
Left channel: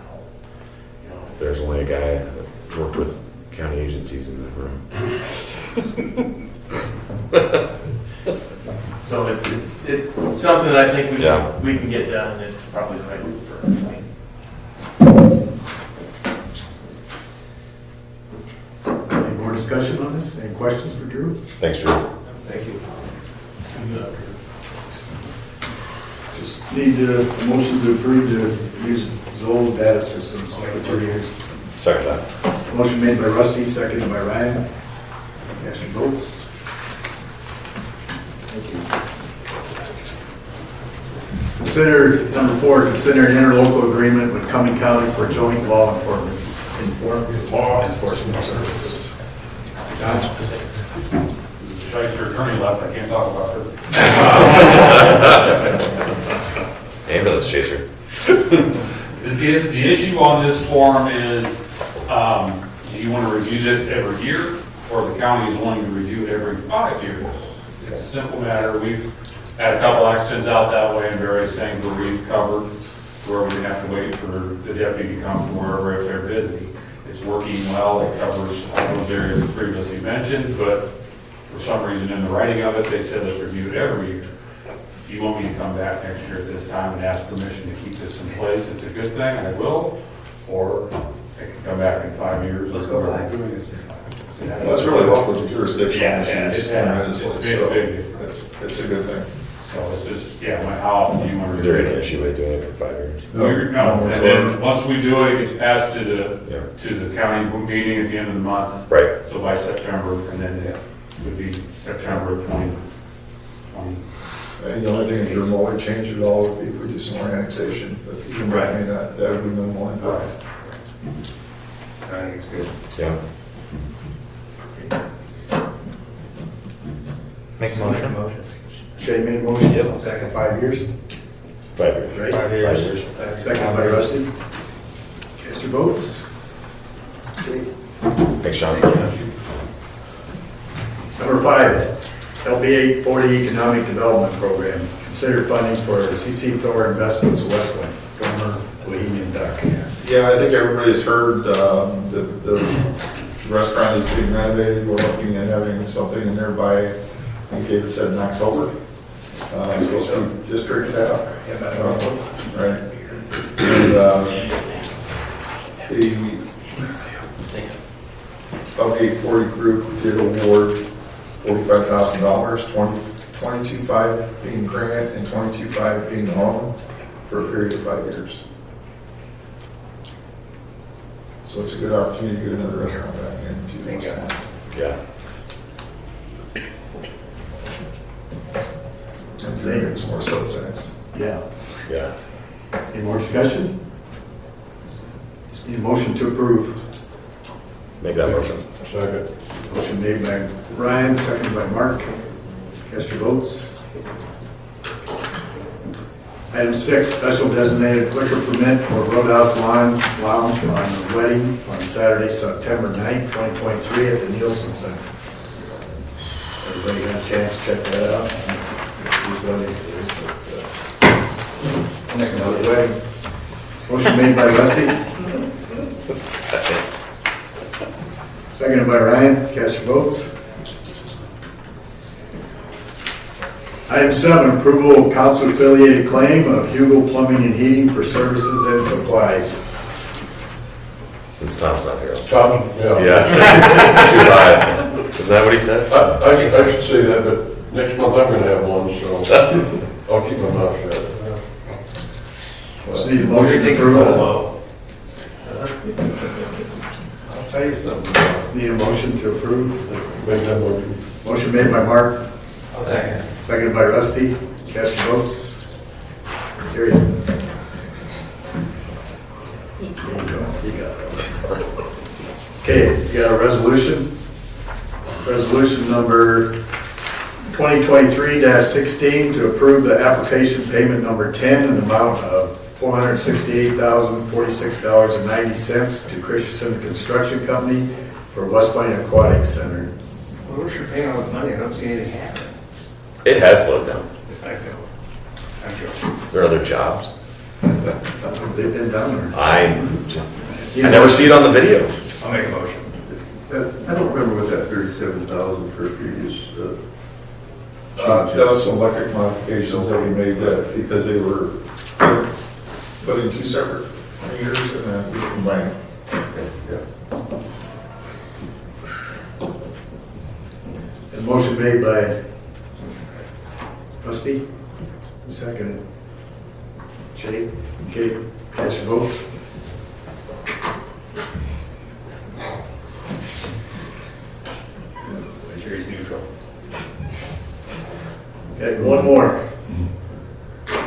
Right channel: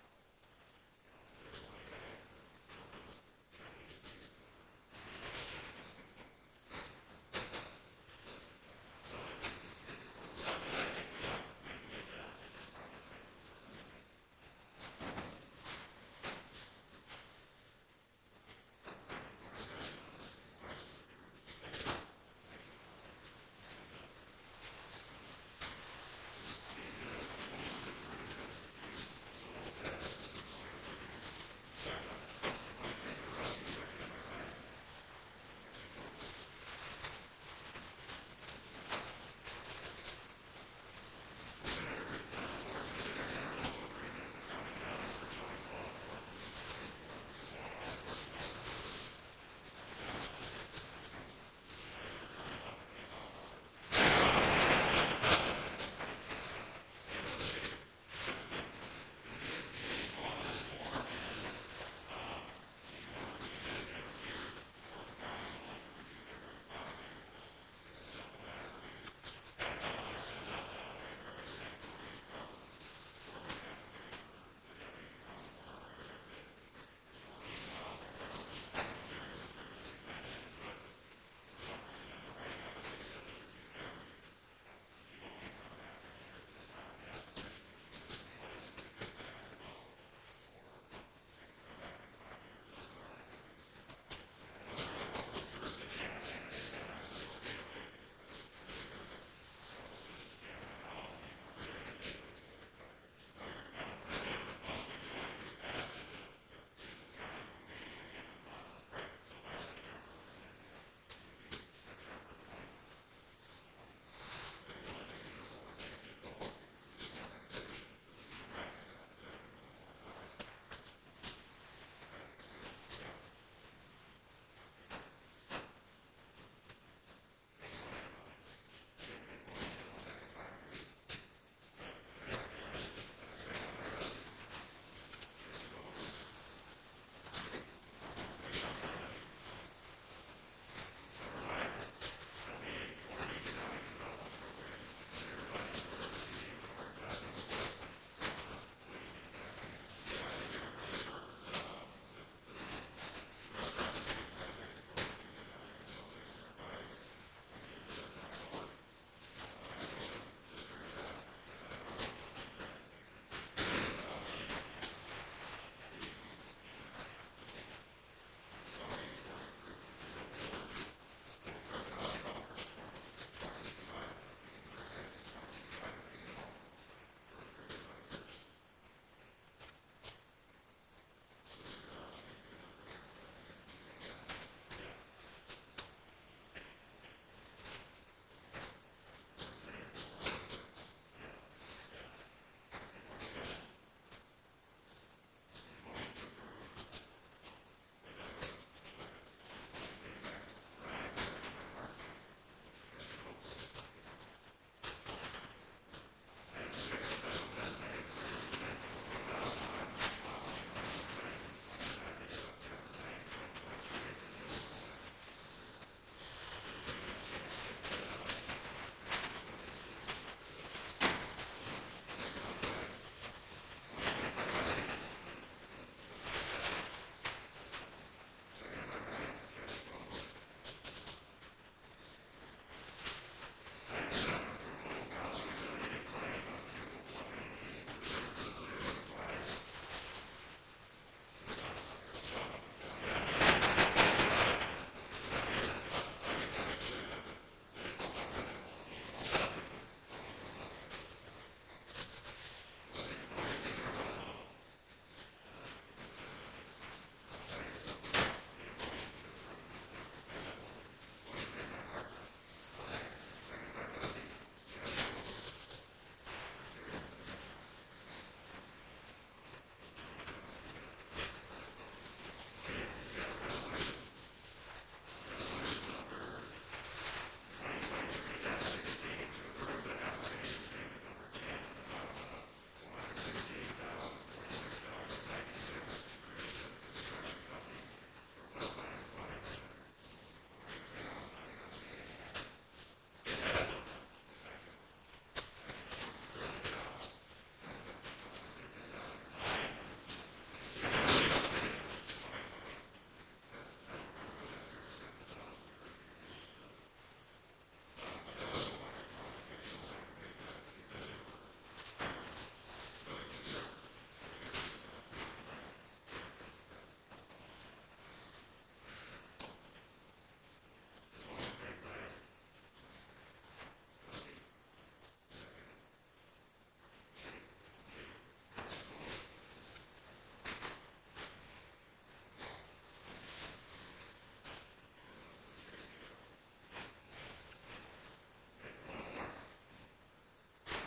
There's only a guy that worked with county agencies in the room. So it's something that I think Yeah. we can get done, and it's probably the right move for everybody. Any more discussion on this? Any questions for Drew? Thanks, Drew. Thank you. Just need a motion to approve to use Zoll data systems for 2 years. Second that. Motion made by Rusty, seconded by Ryan. Cast your votes. Thank you. Consider, number 4, consider an interlocal agreement with Cumming County for joint law enforcement services. Josh? Shyster attorney left, I can't talk about her. Ambulance chaser. The issue on this form is, do you want to review this every year, or the county is wanting to review it every 5 years? It's a simple matter. We've had a couple accidents out that way and various things where we've covered, where we have to wait for the deputy to come from wherever if they're busy. It's working well. It covers all those areas that previously mentioned, but for some reason in the writing of it, they said let's review it every year. If you want me to come back next year at this time and ask permission to keep this in place, it's a good thing, I will. Or I can come back in 5 years. Let's go 5. Doing this. Well, that's really helpful with jurisdiction Yeah, issues. it's made a big difference. It's a good thing. So it's just, how often do you want to? Is there any issue with doing it for 5 years? No, and then once we do it, it gets passed to the county meeting at the end of the month. Right. So by September, and then it would be September of 2020. And the only thing that would remotely change it all would be if we do some more annexation, but even that may not, that would be minimal impact. I think it's good. Yeah. Make a motion. Shay made a motion. Yep. Second, 5 years, 5 years. right? 5 years. Second by Rusty. Cast your votes. Okay. Thanks, Sean. Number 5, LB 840 Economic Development Program. Consider funding for CC Thor Investments of West Point, Gomer, Bohemian Duck. Yeah, I think everybody's heard, the restaurant is being renovated, we're looking at having something in there by, I think David said in October. So some district tap. Right. And, the LB 840 group did award $45,000, 22.5 being grant and 22.5 being loan for a period of 5 years. So it's a good opportunity to get another restaurant back into West Point. Yeah. And doing it some more sales tax. Yeah. Yeah. Any more discussion? Just need a motion to approve. Make that motion. Second. Motion made by Ryan, seconded by Mark. Cast your votes. Item 6, special designated liquor permit for Roadhouse Lounge on wedding on Saturday, September 9th, 2023 at the Nielsen Center. Everybody got a chance to check that out? Who's wedding? Next one, the wedding. Motion made by Rusty, Second. seconded by Ryan. Cast your votes. Item 7, approval of council-affiliated claim of Hugel Plumbing and Heating for services and supplies. Since Tom's not here. Tom, yeah. Yeah. Too high. Isn't that what he says? I should say that, but next month I'm gonna have one, so I'll keep my mouth shut. Just need a motion to approve. I'll tell you something. Need a motion to approve. Make that motion. Motion made by Mark, Second. seconded by Rusty. Cast your votes. Carried. There you go. You got it. Okay, you got a resolution? Resolution number 2023-16 to approve the application payment number 10 in the amount of $468,046.90 to Christensen Construction Company for West Point Aquatic Center. Well, we're sure paying all this money, I don't see anything happening. It has slowed down. I know. I'm joking. Is there other jobs? They've been down there. I never see it on the video. I'll make a motion. I don't remember what that 37,000 for previous, That was some electric modifications that we made because they were putting two separate meters and then we combined. yeah. A motion made by Rusty, seconded. Jake, okay, cast your votes. Jury's neutral. Okay, one more.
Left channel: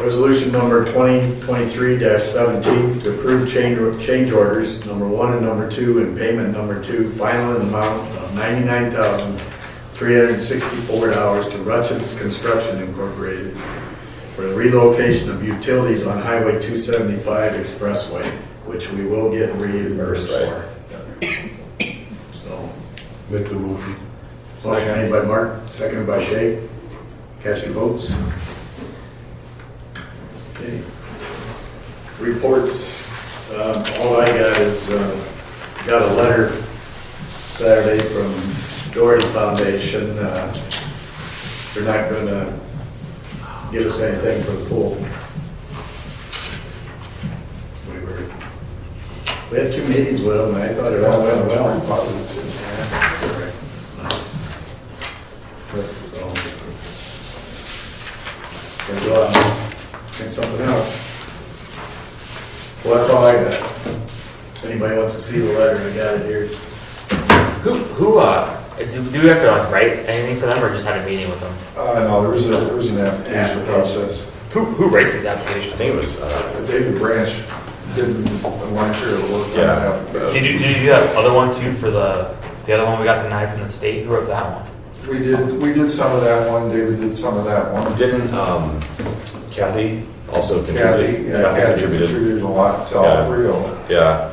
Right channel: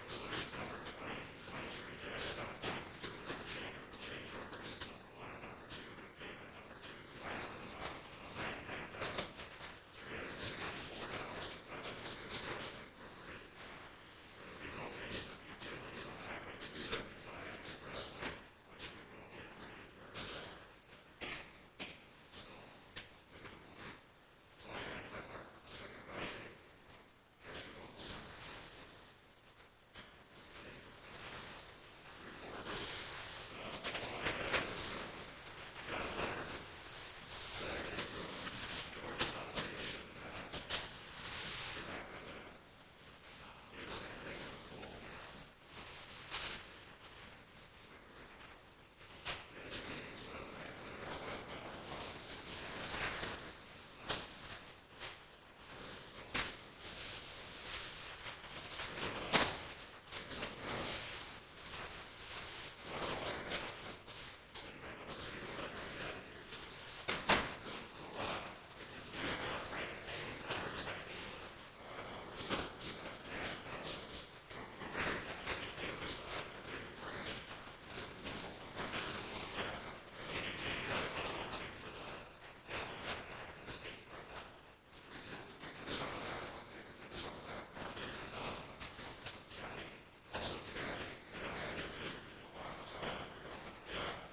Resolution number 2023-17 to approve change orders number 1 and number 2 and payment number 2, final in amount of $99,364 to Rutchins Construction Incorporated for the relocation of utilities on Highway 275 Expressway, which we will get reimbursed for. So, Make the motion. motion made by Mark, seconded by Shay. Cast your votes. Okay. Reports, all I got is, got a letter Saturday from Doherty Foundation. They're not gonna give us anything for the pool. We had 2 meetings with them, and I thought it all went well. So, gonna go out and think something out. So that's all I got. If anybody wants to see the letter, I got it here. Who Do we have to like write anything for them, or just have a meeting with them? No, there was an application process. Who writes these applications? I think it was, David Branch didn't want to work on Yeah. that. Did you do that other one too for the other one we got denied from the state? Who wrote that one? We did some of that one, David did some of that one. didn't, Kathy also contribute? Kathy contributed a lot to all three of them, Yeah,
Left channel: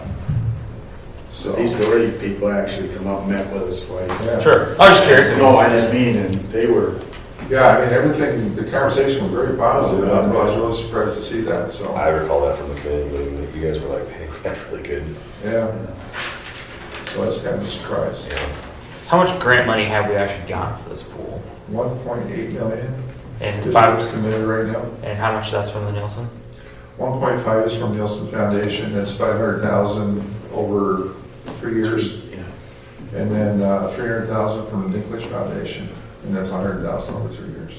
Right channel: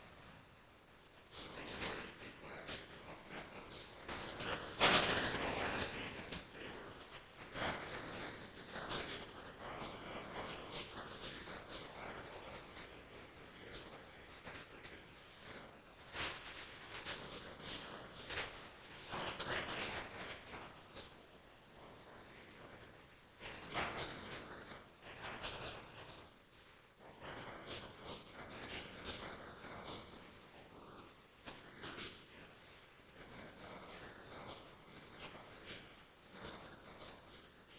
so. These Doherty people actually come up and met with us twice. Yeah. Sure. I was just curious. No, I just mean, and they were, Yeah, I mean, everything, the conversation was very positive, I was really surprised to see that, so. I recall that from the committee meeting, that you guys were like, hey, that's really good. Yeah. So I was kind of surprised. How much grant money have we actually gotten for this pool? 1.8 million And is five. what's committed right now. And how much that's from the Nielsen? 1.5 is from Nielsen Foundation, that's 500,000 over 3 years. yeah. And then 300,000 from the Dinklage Foundation, and that's 100,000 over 3 years.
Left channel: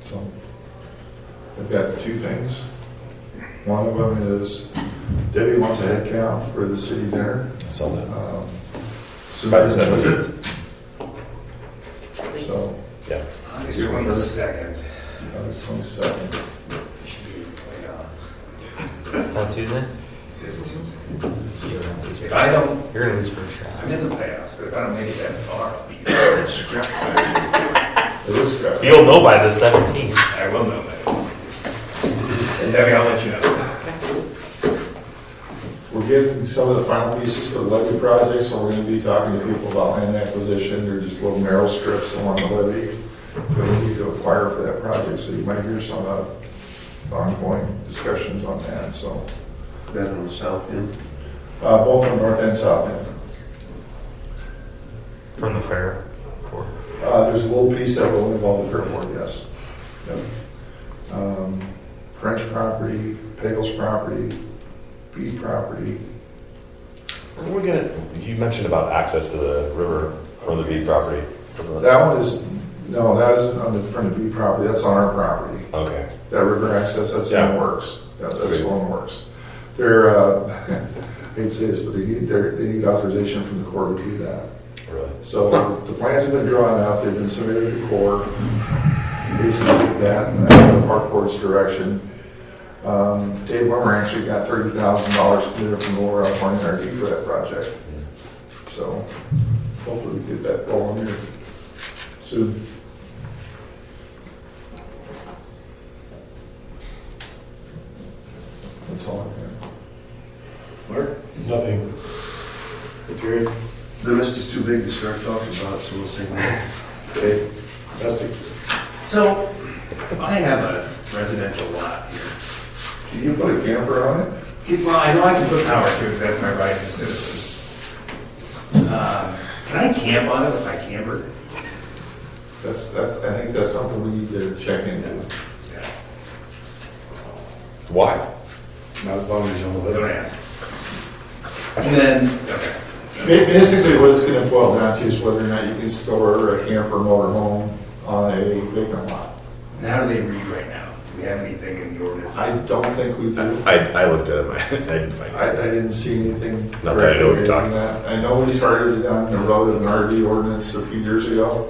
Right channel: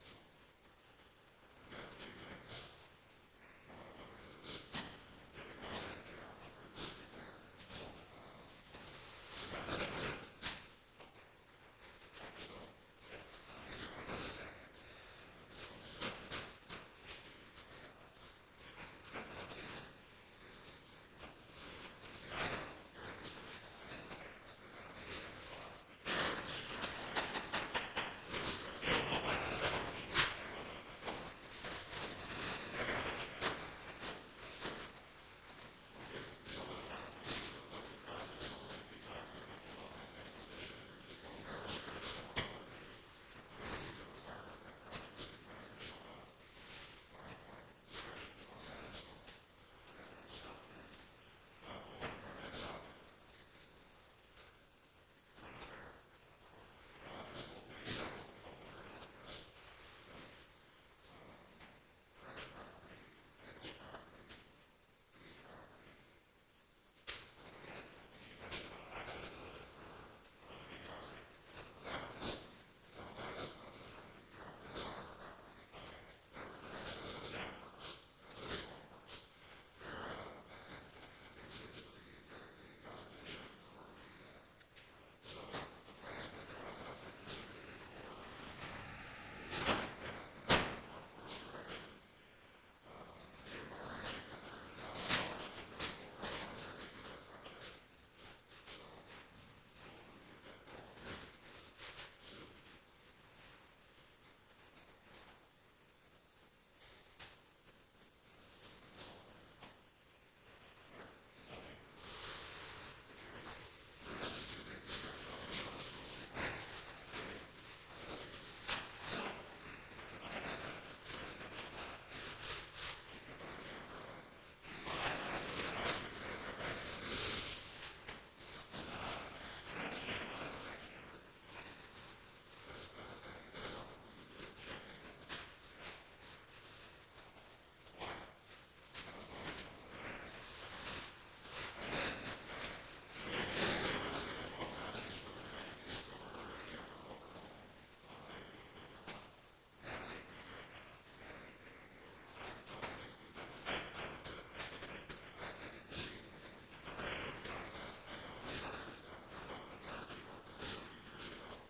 So, I've got two things. One of them is Debbie wants a head count for the city dinner. I saw that. So By the 17th. So, Yeah. August 22nd. August 22nd. Is that Tuesday? If I don't, You're gonna lose first round. I'm in the playoffs, but if I don't make it that far, I'll be It is good. You'll know by the 17th. I will know that. And Debbie, I'll let you know. We're getting some of the final pieces for the levee project, so we're gonna be talking to people about land acquisition. They're just little narrow strips along the levee that we need to acquire for that project, so you might hear some ongoing discussions on that, so. That on the south end? Both on north and south end. From the fair. There's a little piece that will involve the fairport, yes. Yep. French property, Pagels property, Bede property. When we gonna, you mentioned about access to the river from the Bede property. That one is, no, that isn't on the front of Bede property, that's on our property. Okay. That river access, that's in Yeah. the works. Yeah, that's Sweet. still in the works. They're, I hate to say this, but they need authorization from the Corps to do that. Really? So the plans have been drawn out, they've been submitted to the Corps. Basically that, and that's the Park Board's direction. Dave Wimmer actually got $30,000 committed from the Lower California Energy for that project. So hopefully we get that going here soon. That's all I have. Mark, Nothing. Jerry, The list is too big to start talking about, so we'll say no. Dave, Dusty. So, I have a residential lot here. Can you put a camper on it? Well, I know I can put power to it, because that's my right as a citizen. Can I camp on it with my camper? I think that's something we need to check into. Yeah. Why? Not as long as you don't live. Don't ask. And then, okay. Basically, what it's gonna boil down to is whether or not you can store a camper motorhome on a vacant lot. And how do they read right now? Do we have anything in the ordinance? I don't think we do. I looked at it, I didn't see anything. Not that I know what you're talking regulating that. I know we started it down the road of an RV ordinance a few years ago,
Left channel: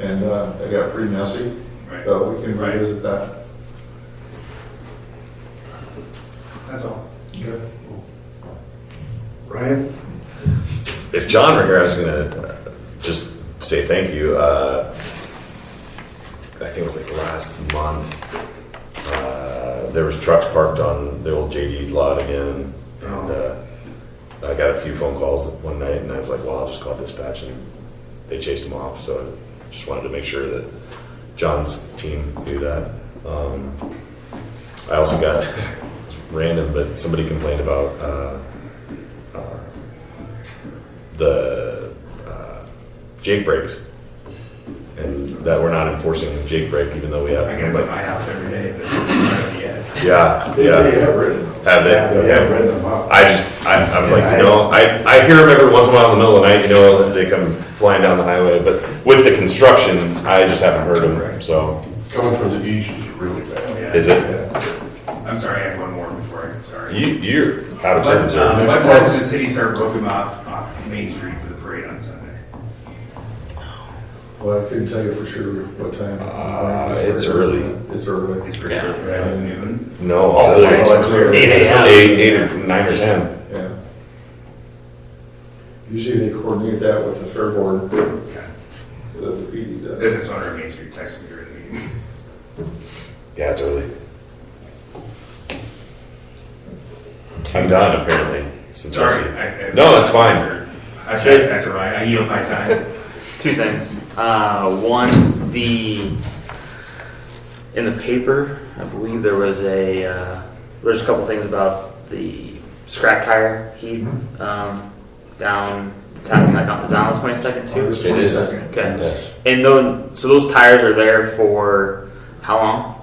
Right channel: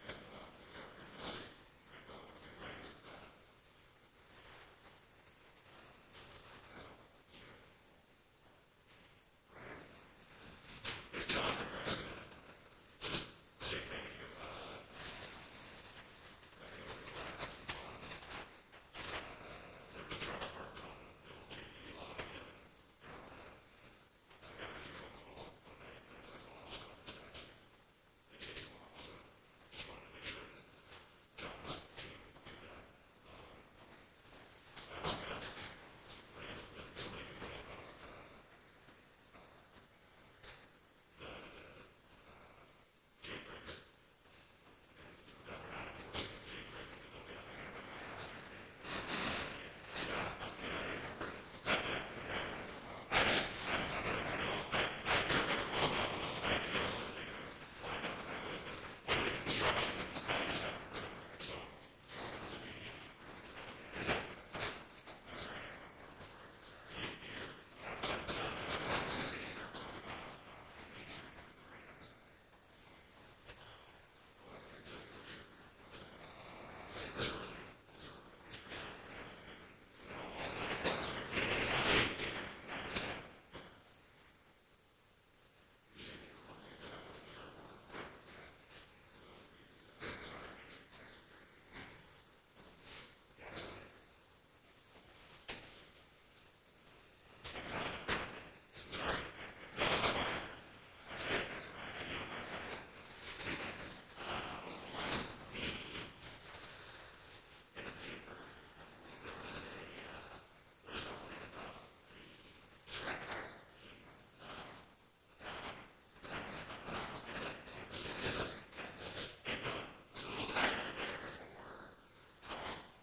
and it got pretty messy, Right. but we can revisit that. That's all. Okay. Ryan? If John were here, I was gonna just say thank you. I think it was like last month. There was trucks parked on the old JD's lot again. And, I got a few phone calls one night, and I was like, "Well, I'll just call dispatch," and they chased them off. So I just wanted to make sure that John's team knew that. I also got random, but somebody complained about the Jake brakes, and that we're not enforcing the Jake brake, even though we have. I get them at my house every day, but yeah. Yeah, They yeah. have written. Have they? Yeah, I've read them up. I was like, I hear them every once in a while in the middle of the night, they come flying down the highway, but with the construction, I just haven't heard them, so. Coming from the east is really Oh, bad. yeah. Is it? I'm sorry, I have one more before I, sorry. You're out of turn, What sir. time does the city start roping off Main Street for the parade on Sunday? Well, I couldn't tell you for sure what time. It's early. It's early. It's pretty early, right? Noon? No, all early. Oh, 8 a.m. 8 or 9 or 10. Yeah. Usually they coordinate that with the fair board, Okay. the PD does. Business owner of Main Street texted me during the meeting. Yeah, it's early. I'm done, apparently. Since Sorry. No, it's fine. I passed back to Ryan. I yield my time. Two things. One, in the paper, I believe there's a couple things about the scrap tire heat down. It's happening like on the 22nd too. August It is. 22nd. Okay. Yes. And those tires are there for how long?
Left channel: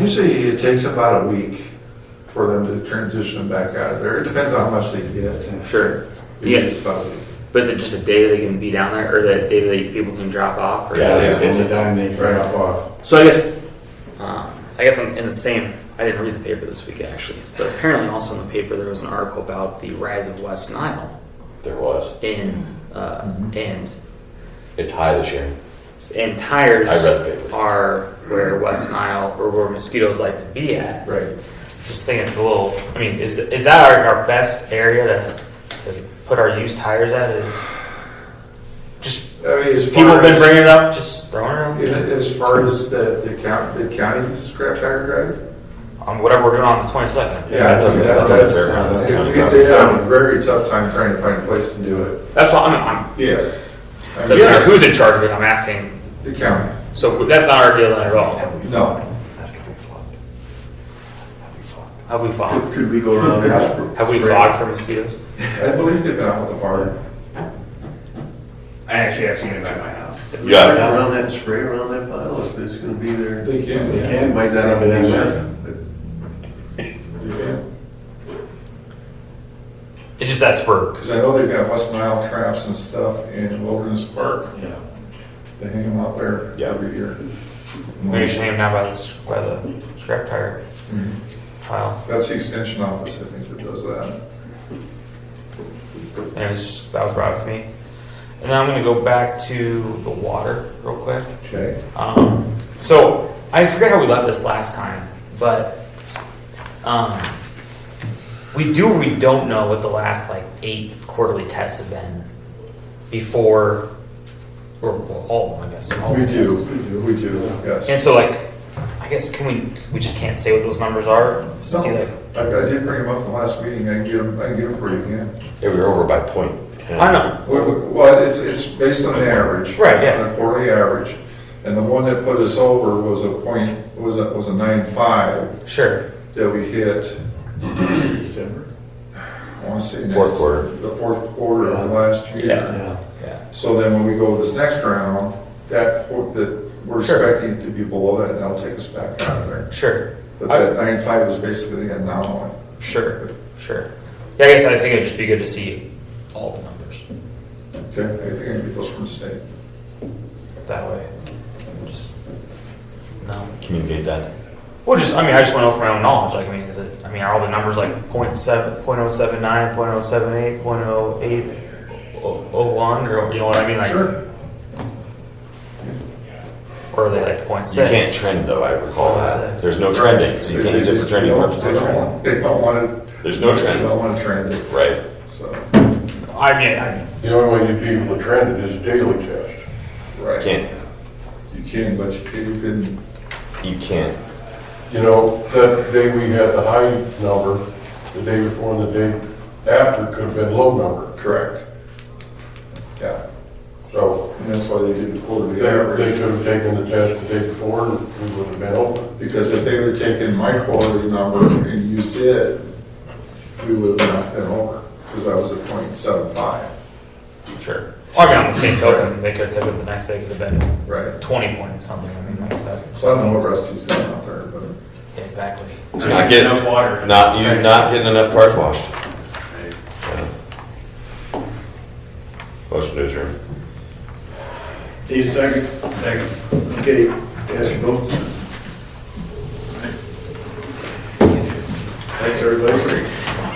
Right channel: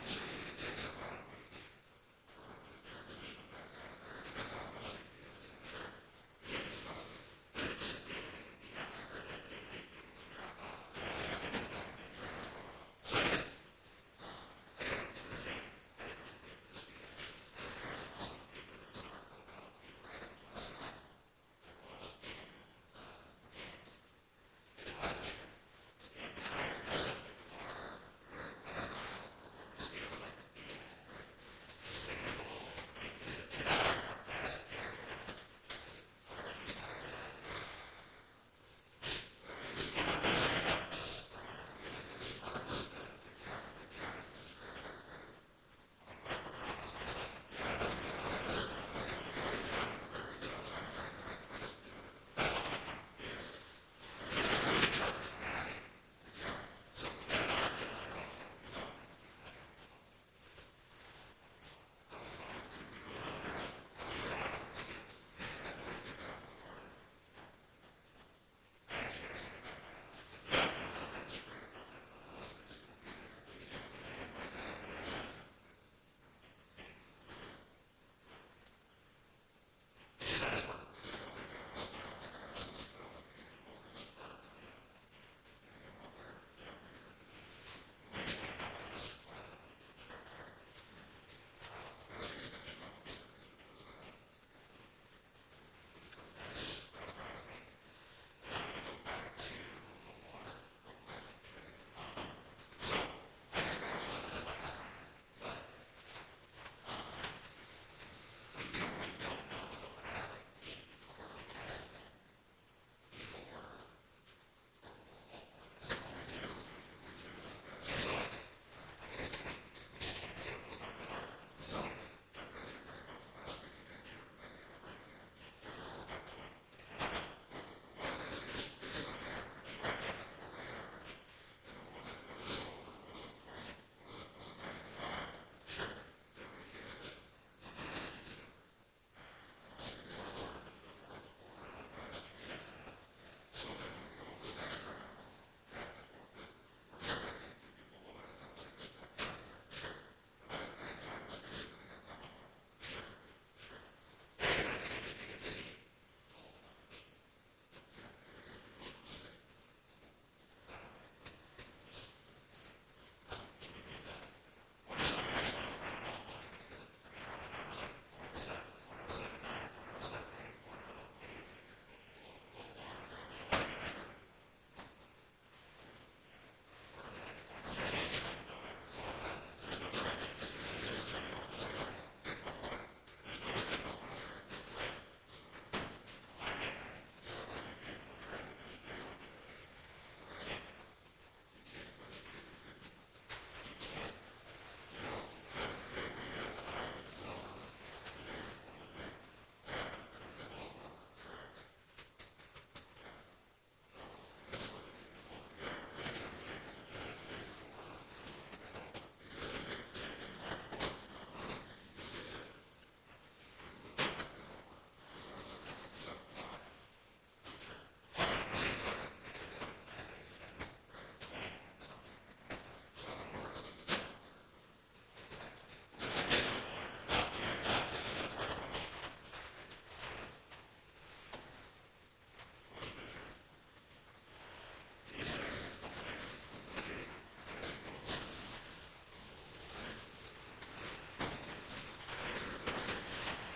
Usually it takes about a week for them to transition back out of there. It depends on how much they get. Sure. Usually Yeah. it's about a week. But is it just a day they can be down there, or that day that people can drop off? Or Yeah, it's a time they Right off. So I guess I'm in the same. I didn't read the paper this week actually, but apparently also in the paper there was an article about the rise of West Nile There was. and It's high this year. tires I read the paper. are where West Nile or where mosquitoes like to be at. Right. Just think it's a little. I mean, is that our best area to put our used tires at? Is just I mean, as people far have been as, bringing it up, just throwing it around. as far as the county scrap tire drive. Whatever we're doing on the 22nd. Yeah, that's a fair amount. They have a very tough time trying to find a place to do it. That's what I'm Yeah. doesn't matter who's in charge of it. I'm asking. The county. So that's not our deal then at all. No. Have we fogged? Could we go around there? Have we fogged for mosquitoes? I believe they've been out with the fire. I actually have seen it at my house. Yeah. Around that, spray around that pile if it's gonna be there. They can. They can, might not have been there. It's just that spur. Because I know they've got West Nile traps and stuff in Wilderness Park. Yeah. They hang them out there Yeah. every year. Maybe you should hang them down by the scrap tire Mhm. pile. That's the extension office, I think, that does that. Anyways, that was brought up to me. And then I'm going to go back to the water real quick. Okay. So I forget how we left this last time, but we do or we don't know what the last 8 quarterly tests have been before, or all of them, I guess. All We of them. do, we do, yes. And so, I guess we just can't say what those numbers are. To see, I did bring them up in the last meeting, I can get them for you again. Yeah, we were over by 0.10. I know. Well, it's based on an average. Right, yeah. On a quarterly average. And the one that put us over was a 9.5 Sure. that we hit, December. I want to say. Fourth quarter. The fourth quarter of last year. Yeah. So then when we go this next round, that we're Sure. expecting to be below that, and that'll take us back out of there. Sure. But that 9.5 is basically the anomaly. Sure. Yeah, I guess I think it'd just be good to see all the numbers Okay, I think I can get those from the state. that way. Just no. Communicate that. Well, I just went off my own knowledge. Are all the numbers 0.7, 0.079, 0.078, 0.0801, or you know what I mean? Sure. Or are they 0.6? You can't trend though, I recall that. There's no trending, so you can't use it for trending purposes. They don't want to. There's no They trends. don't want to trend it, Right. so, The only way you'd be able to trend it is daily test. right. Can't. You can, but you couldn't. You can't. You know, that day we had the high number, the day before and the day after could have been low number. Correct. Yeah, So and that's why they did the quarterly they average. could have taken the test the day before and we would have been open. Because if they would have taken my quarterly number and used it, we would have not been over, because I was at 0.75. Sure. On the same token, they could have taken the next day, could have been Right. 20 point something. That. So I don't know what Rusty's doing out there, but. Yeah, exactly. You're not getting enough water. You're not getting enough cars washed. Motion to adjourn. Need a second? Second. Okay, Cast your votes.